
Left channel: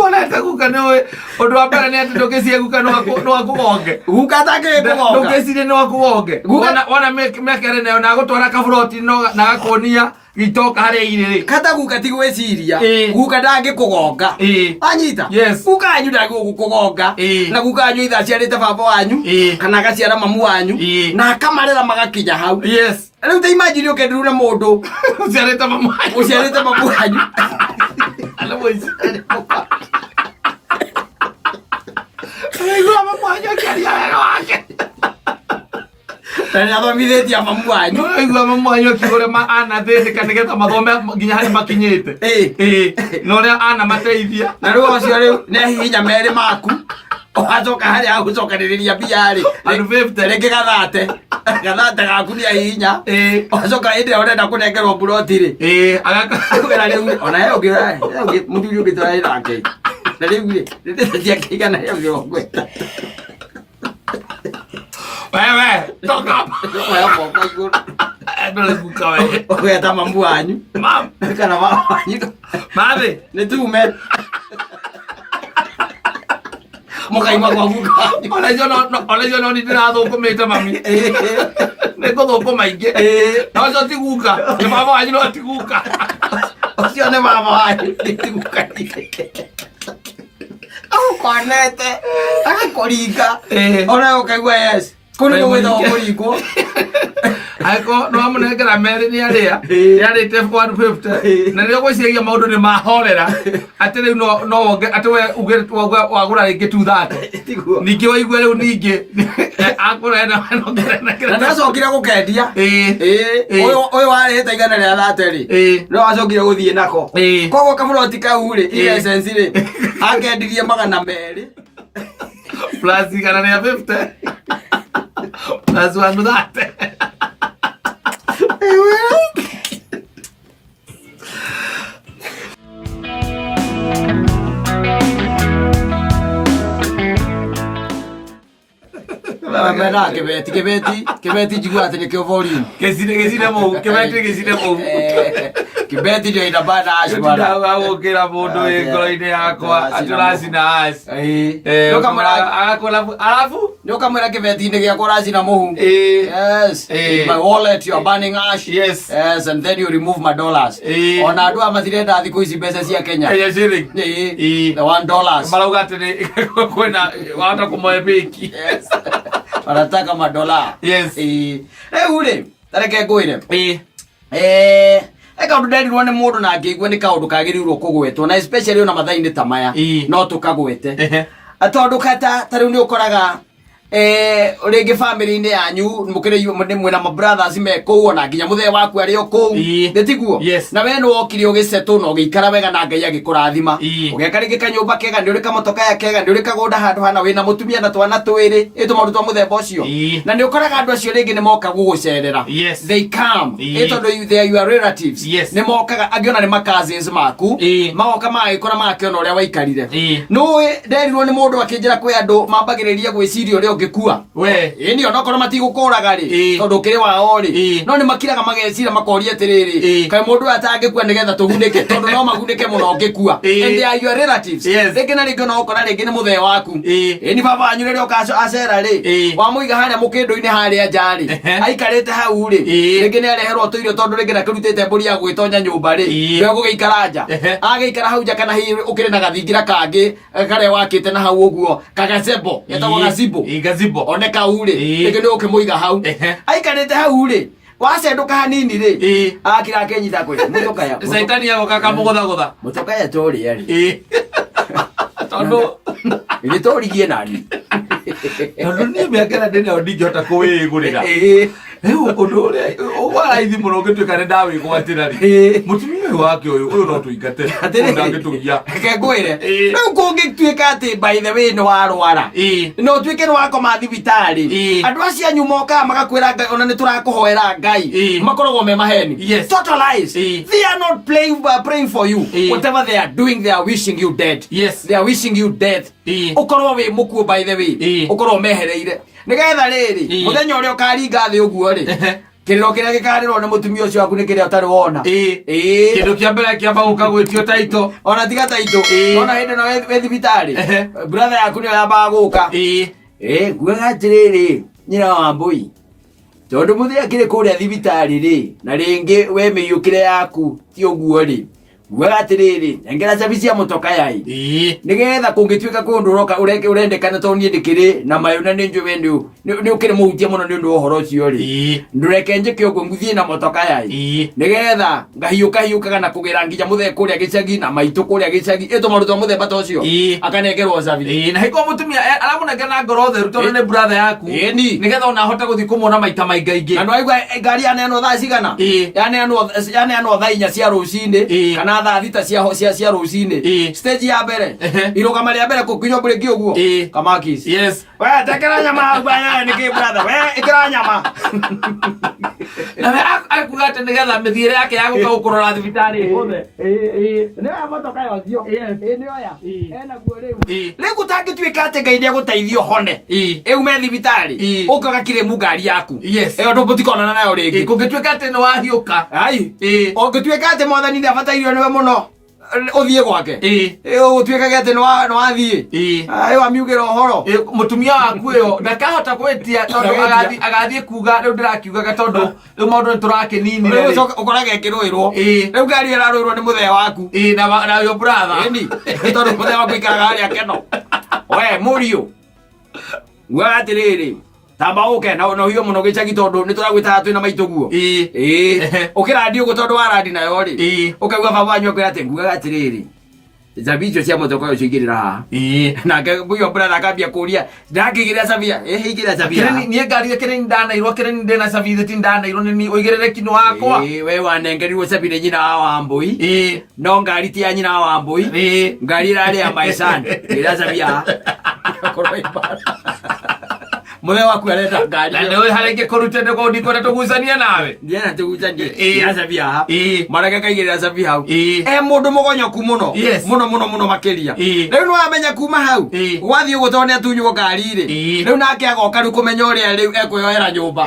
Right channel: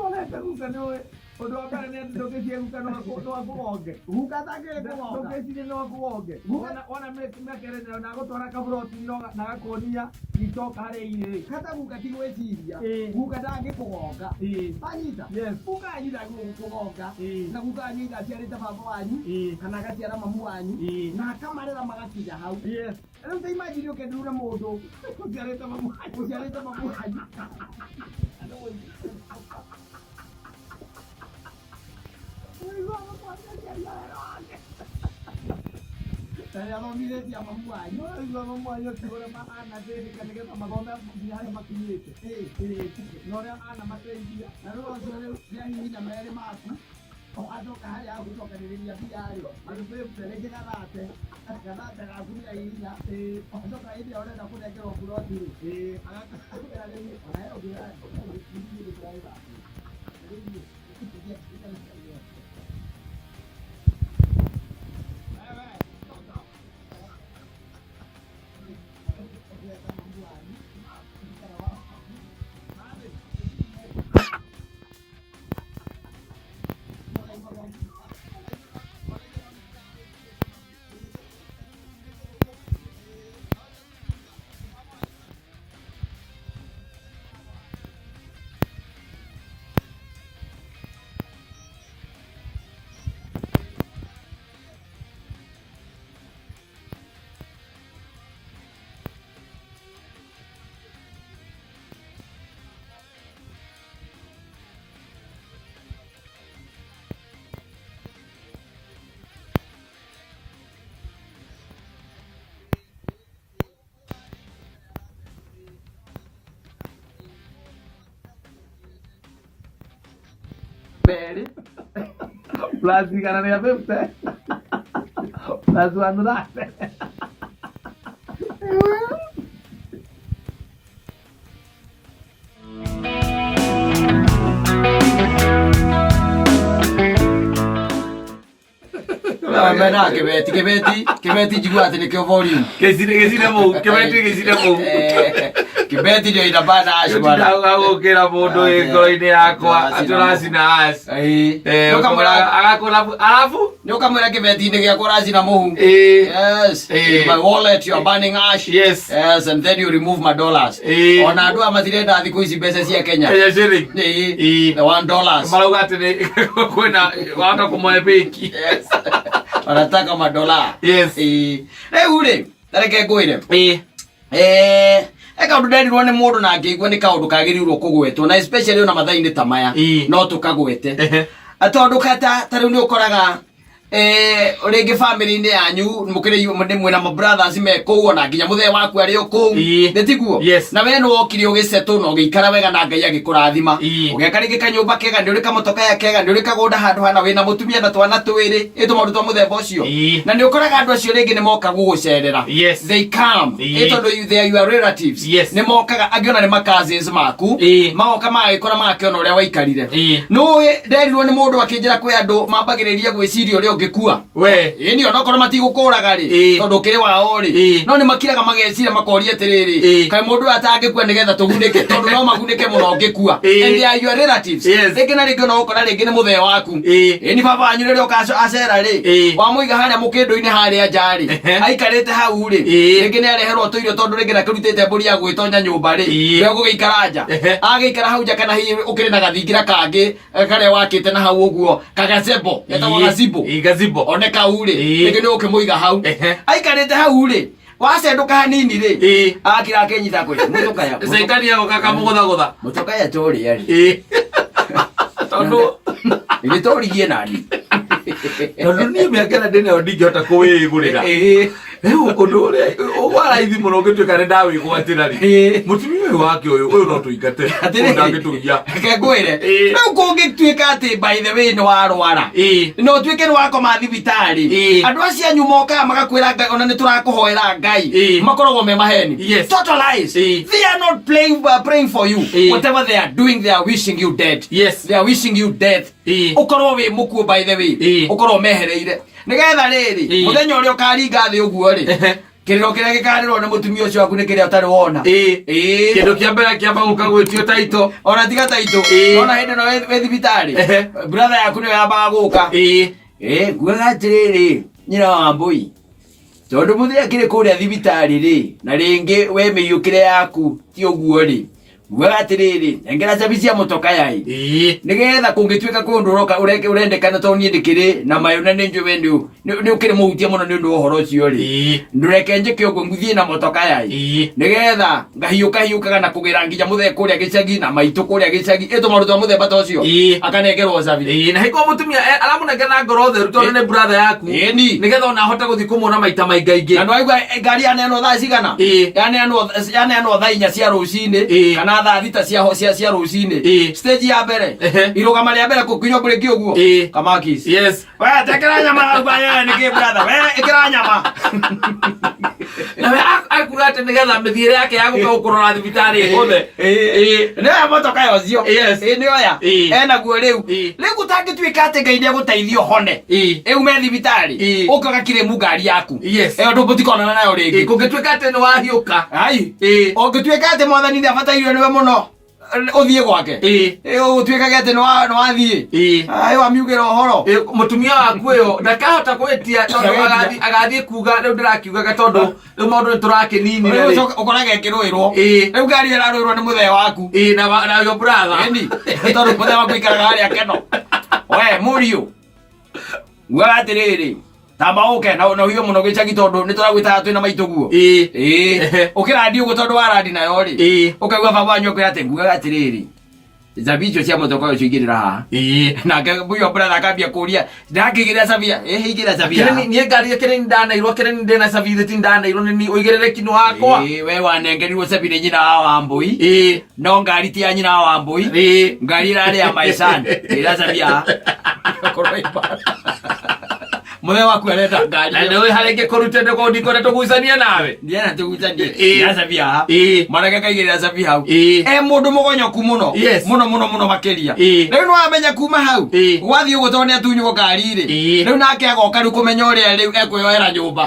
wona ta guka no undu wa mbere ni ati ndugicie guka no akugonge guka take kugonga ndugicie no akugonge wona mekere nayo na gutwara kaburoti no na gakonia gitoka hari iriri kata guka ti gweciria guka ndangi kugonga anyita guka anyu ndangi gukugonga na guka anyu itha ciarite baba wanyu kana gaciara mamu wanyu na akamarera magakinya hau riu ta imagine ukendiru na mundu uciarite mamu wanyu ala moisi Aigo mamu wanyu kiaria wega wake tani athomithitie mamu wanyu aigo mamu wanyu kigore ma ana thindika nigetha mathome nginya hari makinyite no ria ana mateithia na riu ocio riu ne hinya meri maku wacoka hari agucokaniriria mbia ri andu 50 ringi gathate gaku ni hinya wacoka indi urenda kunengerwo buroti ri agakira riu ona yo ngira muthuri ungitwara nake na riu ri ndithia kigana yo ngirongweta wewe toka wewe moko iguru ndole guka wewe ogeta mamu wanyu mam kana mama wanyu mabe ni tume mukaima kwa guka ole jono ni ndirathũkũmĩte mami nĩngũthũkũma ingĩ na ũcio ti guka nĩ baba wanyu no ti guka ũcio nĩ baba wanyu ti guka agũkonete agakũringa ona ũkaigua yes kũrĩ gũgwĩtagwo kũringwo angĩkorwo no amũnengera merĩ nĩ arĩa nĩarĩte 150 na rĩrĩa gwĩciragia maũndũ nĩ mahorera atĩ rĩu no wonge atĩ we uge wagũra rĩngĩ 230 ningĩ waigue rĩu ningĩ akũrena na ndacokire gũkendia ũyũ warĩhĩte igana rĩa 30 no acokire gũthiĩ nako koguo kaburoti kau rĩ essence rĩ akendirie 200 plus igana rĩa 50 plus 130 mena kibeti njigua ati nikio volume gicine mu kibeti ndio inabana ash bana agukira mundu ngoro-ini yakwa aturacina ash alafu nyokamwira kibeti-ini giakwa uracina muhu yes my wallet you are burning ash yes and then you remove my dollars ona andu amatirenda thiku ici mbeca cia Kenya the $1 marauga ati kwina wata kumoe beki yes wanataka madola yes ule tareke ngwire eka undu nderirwo ni mundu na ngĩigua nĩ kaundu kagĩrĩirwo kũgwetwo na especially ona mathainĩ ta maya no tukagwete tondu kata ta rĩu nĩ ũkoraga Rĩngĩ family-inĩ yanyu mũkĩrĩ mwĩna ma brothers me kũu ona nginya mũthee waku arĩ o kũu ndĩtiguo na we nĩ wokire ũgĩcetũ na ũgĩikara wega na Ngai agĩkũrathima ũgĩaka rĩngĩ kanyũmba kega nĩ ũrĩ kamotoka ya kega nĩ ũrĩ kagũnda handũ hana wĩna mũtumia na twana twĩrĩ maũndũ twa mũthemba ũcio na nĩ ũkoraga andũ acio rĩngĩ nĩ moka gũgũcerera they come tondũ they are your relatives nĩ mokaga angĩona nĩ ma cousins maku magoka magagĩkora magakĩona ũrĩa waikarire nĩũĩ nderirwo nĩ mũndũ akĩnjĩra kwĩ andũ mambagĩrĩria gwĩciria ũrĩa ũngĩkua ĩni onokorwo matigũkũraga rĩ tondũ ũkĩrĩ wao rĩ no nĩ makiraga mageciria makoria atĩrĩrĩ kaĩ mũndũ atangĩkua nĩgetha tũgunĩke tondũ no magunĩke mũno ũngĩkua and they are your relatives rĩngĩ na rĩngĩ onokora rĩngĩ nĩ mũthee waku ĩni baba wanyu rĩrĩa ũkacera rĩ wamũiga harĩa mũkĩndũ-inĩ harĩa nja rĩ aikarĩte hau rĩ rĩngĩ nĩ areherwo tũirio tondũ rĩngĩ nakĩrutĩte mbũri ya gwĩtonya nyũmba rĩ we gũgĩikara nja agĩikara hau nja kana hihi ũkĩrĩ na gathingira kangĩ karĩa wakĩte na hau ũguo kagacebo getagwo gazimbo one kau rĩ rĩngĩ nĩ ũkĩmũiga hau aikarĩte hau rĩ wacendũka hanini rĩ akira akĩnyita kwĩ mũtũkaya Saitani agoka kamũgũthagũtha mũtũkaya tũrĩa rĩ tondũ nĩ tũrigie nani tondũ niĩ mĩaka na ndĩna ndingĩhota kũwĩgũrĩra rĩu ũndũ ũrĩa ũgwaraithi mũno ũngĩtuĩka nĩ ndawĩgwatĩra rĩ mũtumia ũyũ wake ũyũ no tũingate ndangĩtũgia reke ngwĩre rĩu kũngĩtuĩka atĩ by the way nĩ warwara no ũtuĩke nĩ wakoma thibitarĩ andũ acio anyu mokaga magakwĩra Ngai ona nĩ tũrakũhoera Ngai makoragwo me maheni total lies they are not praying for you whatever they are doing they are wishing you dead they are wishing you death ũkorwo wĩ mũkuo by the way ũkorwo mehereire nĩgetha rĩrĩ mũthenya ũrĩa ũkaringa thĩ ũguo rĩ kĩrĩro kĩrĩa gĩkarĩrwo nĩ mũtumia ũcio waku nĩ kĩrĩa ũtarĩ wona kĩndũ kĩa mbere kĩamba gũka gwĩtio taito ona tiga taito ona hĩndĩ ĩno wĩ thibitarĩ brother yaku nĩyo yambaga gũka nguaga atĩrĩrĩ nyina wa Wambũi tondũ mũthee akĩrĩ kũrĩa thibitarĩ rĩ na rĩngĩ we mĩiyũkĩre yaku ti ũguo rĩ nguaga atĩrĩrĩ engera cabi cia mũtoka nĩgetha kũngĩtuĩka kũndũ ũroka ũrendekana tondũ niĩ ndĩkĩrĩ na mayũ na nĩ njũĩ nĩ ũkĩrĩ mũhutia mũno nĩ ũndũ wa ũhoro ũcio rĩ ndũreke njĩke ũguo ngũthiĩ na mũtoka nĩgetha ngahiũkaga na kũgĩra nginya mũthee kũrĩa gĩcagi na maitũ kũrĩa gĩcagi maũndũ twa mũthemba ta ũcio akanengerwo cabi na haikuo mũtumia aramũnengera na ngoro theru tondũ nĩ brother yaku nĩgetha ona ahote gũthiĩ kũmuona maita maingaingĩ na nĩwaigua ngari yaneanwo thaa cigana yaneanwo thaa 4 cia rũcinĩ kana thaa 6 cia rũcinĩ stage ya mbere irũgama rĩa mbere kũkinywo break ũguo kamakis we tekera nyama ubaya nĩkĩ brother we ĩkĩra nyama na we akuga atĩ nĩgetha mĩthiĩre yake ya gũka gũkũrora thibitarĩ ĩhũthe nĩoya motoka yocio nĩoya enaguo rĩu gũtangĩtuĩka atĩ Ngai nĩegũteithio hone ume thibitarĩ ũkaga kĩrĩmu ngari yaku ĩyo ndũngĩtikonana nayo rĩngĩ kũngĩtuĩka atĩ nĩ wahiũka ũngĩtuĩka atĩ Mwathani nĩabatairio nĩwe mũno ũthiĩ gwake ũtuĩkage atĩ nĩ wathiĩ wamiugĩra ũhoro mũtumia waku ũyũ ndakahota gwĩtia tondũ agathiĩ kuga rĩu ndĩrakiugaga tondũ rĩu maũndũ nĩ tũrakĩninire ũkoraga ĩkĩrũĩrwo rĩu ngari ĩrarũĩrwo nĩ mũthee waku na yo brother tondũ mũthee waku ikaraga harĩa keno we mũriũ nguaga atĩrĩrĩ tamba ũke na ũhiũ mũno gĩcagi tondũ nĩ tũragwĩtaga twĩna maitũ guo ũkĩrandi ũguo tondũ warandi nayo rĩ ũkaigua baba wanyu akwĩra atĩ nguaga atĩrĩrĩ cabi icio cia mũtoka ũcio ingĩrĩra haha nake mũiyo brother akambia kũria ndakĩigĩrĩra cabia hĩigĩrĩra cabia niĩ ngari kĩrĩ ndanairwo kĩrĩ ndĩna cabi thĩti ndanairwo nĩ ũigĩrĩrĩki nĩ wakwa we wanengerirwo cabi nĩ nyina wa Wambũi no ngari ti ya nyina wa Wambũi ngari ĩrarĩ ya my son ĩra cabia mũthee waku arenda ngari na nĩ harĩ ingĩkũrute ndĩkona tũgucania nawe ndiana tũgucanie cabi haha mareke kaigĩrĩra cabi hau mũndũ mũgonyoku mũno mũno makĩria rĩu nĩ wamenya kuma hau gwathiĩ ũguo tondũ nĩ atunywo ngari-rĩ rĩu nake agoka rĩu kũmenya ũrĩa rĩu ekwĩyoera nyũmba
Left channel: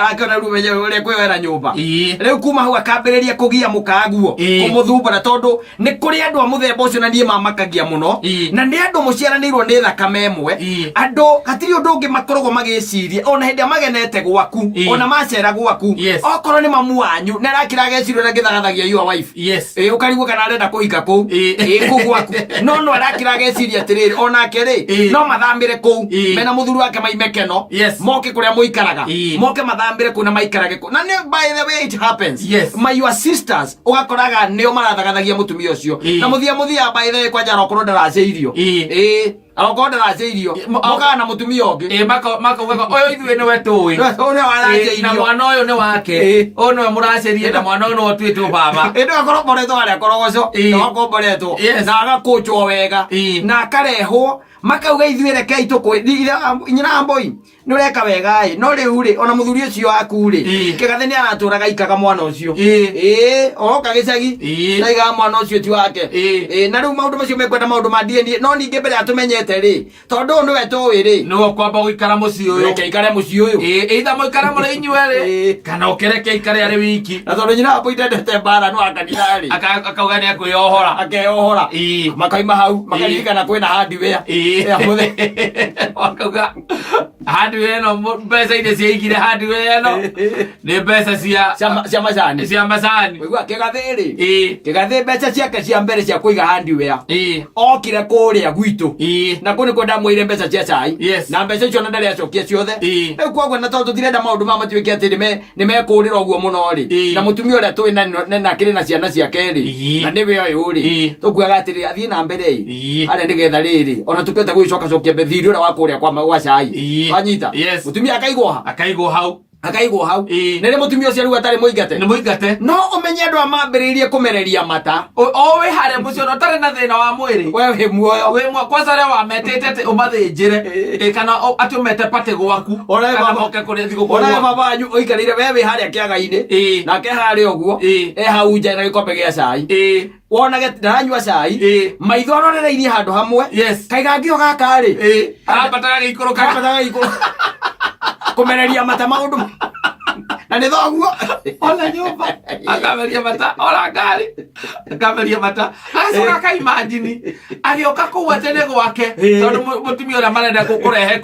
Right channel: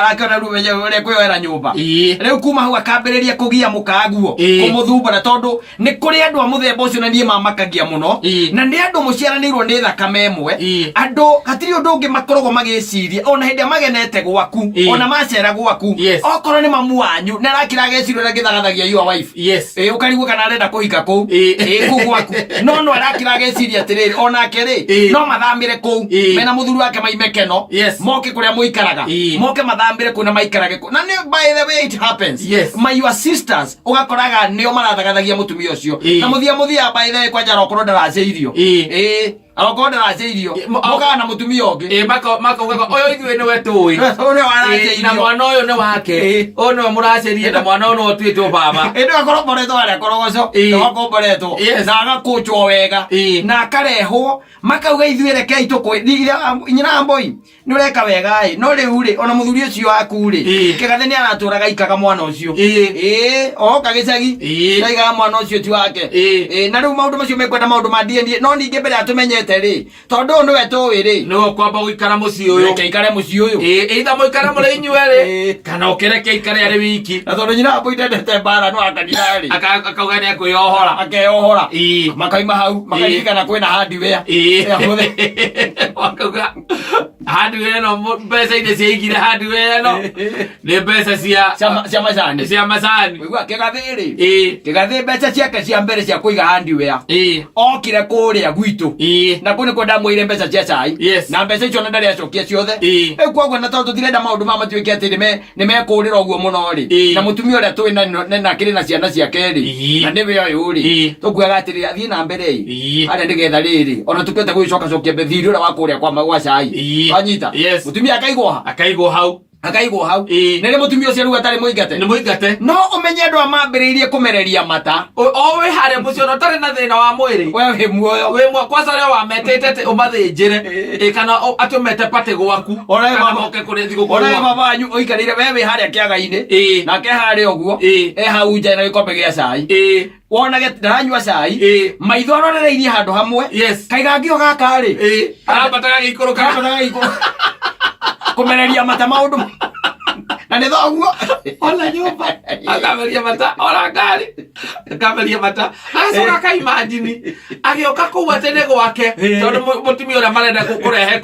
arakĩona rĩu menya ũrĩa ekwĩyoera nyũmba rĩu kuma hau akambĩrĩria kũgia mũkaguo kũmũthumbũra tondũ nĩ kũrĩ andũ a mũthemba ũcio na niĩ mamakagia mũno na nĩ andũ mũciaranĩirwo nĩ thakame ĩmwe andũ hatirĩ ũndũ ũngĩ makoragwo magĩciria ona hĩndĩ magenete gwaku ona macera gwaku okorwo nĩ mamu wanyu nĩ arakĩra gecirio ũrĩa gĩthagathagia your wife ũkarigwo kana arenda kũhika kũu kũu gwaku no arakĩra geciria atĩrĩrĩ onake rĩ no mathamĩre kũu mena mũthuri wake maime keno moke kũrĩa mũikaraga moke mathamĩre kũu na maikarage kũu na nĩ by the way it happens your sisters ũgakoraga nĩo marathagathagia mũtumia ũcio na mũthia by the way kwanja okorwo ndaracĩirio agokonda raceirio muka na mutumia ongi mako oyo ithuĩ nĩwe tũĩ na mwana ũyũ nĩ wake ũyũ nĩwe mũracerie na mwana ũyũ nĩwe ũtuĩtwo baba ĩndĩ akoromboretwo harĩa korogoco agakomboretwo na agakũnjwo wega na akarehwo makauga ithuĩ rekei nyina Wambui nĩ ũreka wega no rĩu rĩ ona mũthuri ũcio waku rĩ Kĩgathĩ nĩ aratũraga ikaga mwana ũcio oka gĩcagi aigaga mwana ũcio ti wake na rĩu maũndũ macio mekwenda maũndũ ma DNA no ningĩ mbere atũmenyete rĩ tondũ ũyũ nĩwe tũĩ rĩ nĩwe ũkwamba gũikara mũciĩ ũyũ reke ikare mũciĩ ũyũ either mũikare mũrĩ inyuerĩ kana ũkĩreke ikare arĩ wiki na tondũ nyina Wambui ndendete mbara no akanira rĩ akauga nĩ akwĩyohora akeyohora makaima hau makaririkana kwĩna hardware wakauga hardware no mbeca iria ciaigire hardware no nĩ mbeca cia macani wĩigua Kĩgathĩ rĩ Kĩgathĩ mbeca ciake cia mbere cia kũiga hardware okire kũrĩa gwitũ na kũ nĩkuo ndamwĩire mbeca cia cai na mbeca icio na ndarĩ acokia ciothe rĩu koguo na tondũ tũtirenda maũndũ maya matuĩke atĩ nĩ mekũrĩra ũguo mũno rĩ na mũtumia ũrĩa tũĩ na kĩrĩ na ciana ciake rĩ na nĩwe ũyũ rĩ tũkuaga atĩrĩ athiĩ na mbere harĩa nĩgetha rĩrĩ ona tũkĩte gwĩcokacokia thirĩ ũrĩa wa kũrĩa gwa cai wanyita mũtumia akaigwo hau nĩrĩ mũtumia ũcio rĩu atarĩ mũingate no ũmenye andũ a mambĩrĩirie kũmereria mata o wĩ harĩa mũciĩ ona ũtarĩ na thĩna wa mwĩrĩ we wĩ muoyo kwanza rĩa wametete ũmathĩnjĩre kana atũmete patĩ gwaku ona baba wanyu ũikarĩire we wĩ harĩa kĩaga-inĩ nake harĩa ũguo hau nja na gĩkombe gĩa cai wonage ndaranyua cai maitho arorereirie handũ hamwe kaiga ngĩo gaka rĩ arabataga gĩikũrũka kũmereria mata maũndũ na nĩ thoguo ona nyũmba akameria mata ona ngari akameria mata acoka akaimagini agĩũka kũu atene gwake tondũ mũtumia ũrĩa marenda kũrehe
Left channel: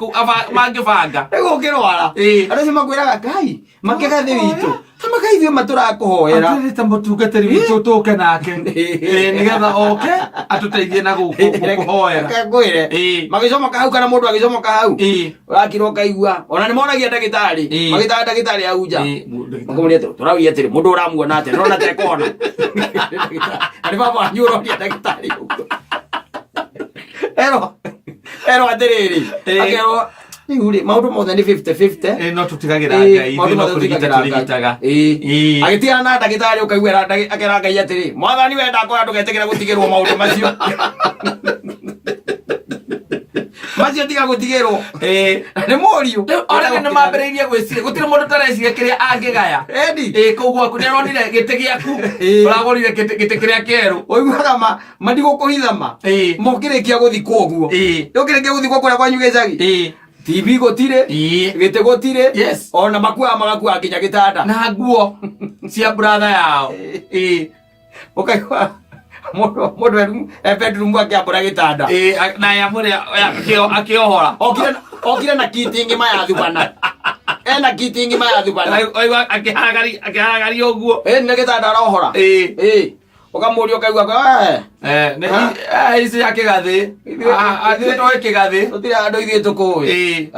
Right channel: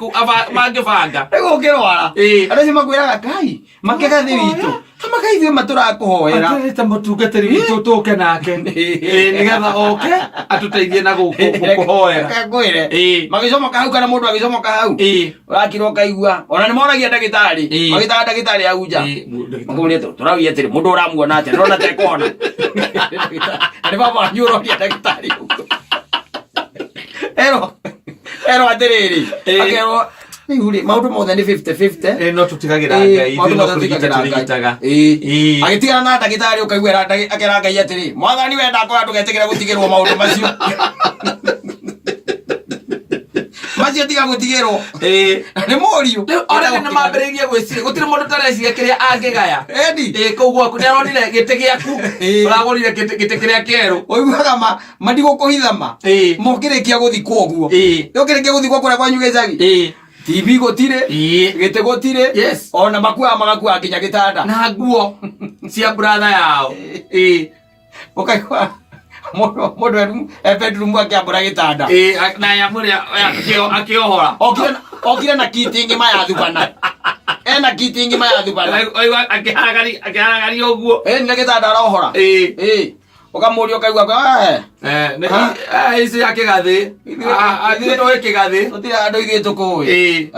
mangĩbanga rĩu ũngĩrwara andũ acio makwĩraga Ngai Kĩgathĩ witũ kamaka ithuĩ matũrakũhoera atĩrĩte mũtungatĩri witũ tũke nake nĩgetha oke atũteithie na gũkũhoera ngwĩre magĩcomoka hau kana mũndũ agĩcomoka hau ũrakirwo ũkaigua ona nĩ monagia ndagĩtarĩ magĩtaga ndagĩtarĩ hau nja makamũria tũraugia atĩrĩ mũndũ ũramuona atĩa nĩrona tekona nĩ baba wanyu ũroria ndagĩtarĩ erwo atĩrĩrĩ akerwo rĩu rĩ maũndũ mothe nĩ 50-50 no tũtigagĩra Ngai ithuĩ no kũrigita tũrigitaga agĩtigana na ndagĩtarĩ ũkaigua akera Ngai atĩrĩ Mwathani wenda akorwo ndũgetigĩre gũtigĩrwo maũndũ macio macio tiga gũtigĩrwo nĩ mũriũ ona nĩ mambĩrĩirie gwĩciria gũtirĩ mũndũ tareciria kĩrĩa angĩgaya kũu gwaku nĩ aronire gĩtĩ gĩaku ũragũrire gĩtĩ kĩrĩa kĩerũ ũiguaga mandigũkũhithama mokĩrĩkia gũthikwo ũguo ũkĩrĩkia gũthikwo kũrĩa kwanyu gĩcagi TV gũtirĩ gĩtĩ gũtirĩ ona makuaga magakuaga nginya gĩtanda na nguo cia brother yao ũkaigua mũndũ bedroom akĩambũra gĩtanda na yamũrĩa akĩohora okire na kiti ingĩ mayathubana ena kiti ingĩ mayathubana akĩhagaria ũguo nĩ gĩtanda arohora ukamũria ukaigua icio ya Kĩgathĩ nĩtũĩ Kĩgathĩ tũtirĩ andũ ithuĩ tũkũĩ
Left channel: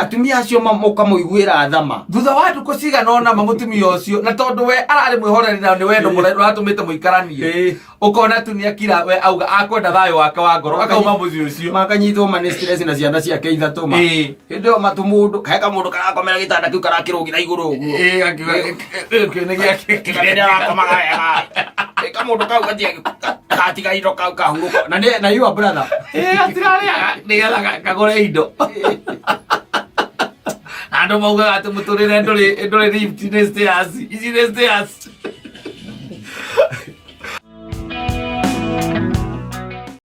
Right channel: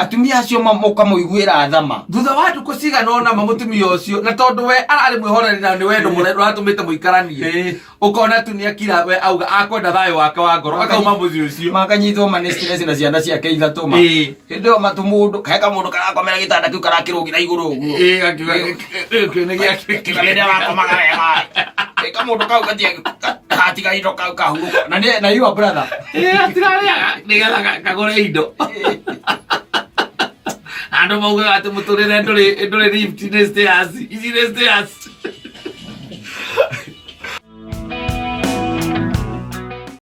atumia acio mũkamũiguĩra thama thutha wa ndukũ cigana ũna mũtumia ũcio na tondũ we ararĩ mwĩhoreri na nĩ wendo ũratũmĩte mũikaranie ũkona tu nĩakira we auga akwenda thayũ wake wa ngoro akauma mũciĩ ũcio makanyitwo manĩ stress na ciana ciake ithatũ hĩndĩ ĩyo matu mũndũ heka mũndũ karakomera gĩtanda kĩu karakĩrũgira igũrũ ũguo nĩ arakomaga wega ĩka mũndũ kau gatiga indo kau kahurũka na your brother atirarĩa nĩgetha kagũre indo andũ maugaga atĩ mũtũrĩre ndũrĩ lift nĩ stairs ici nĩ stairs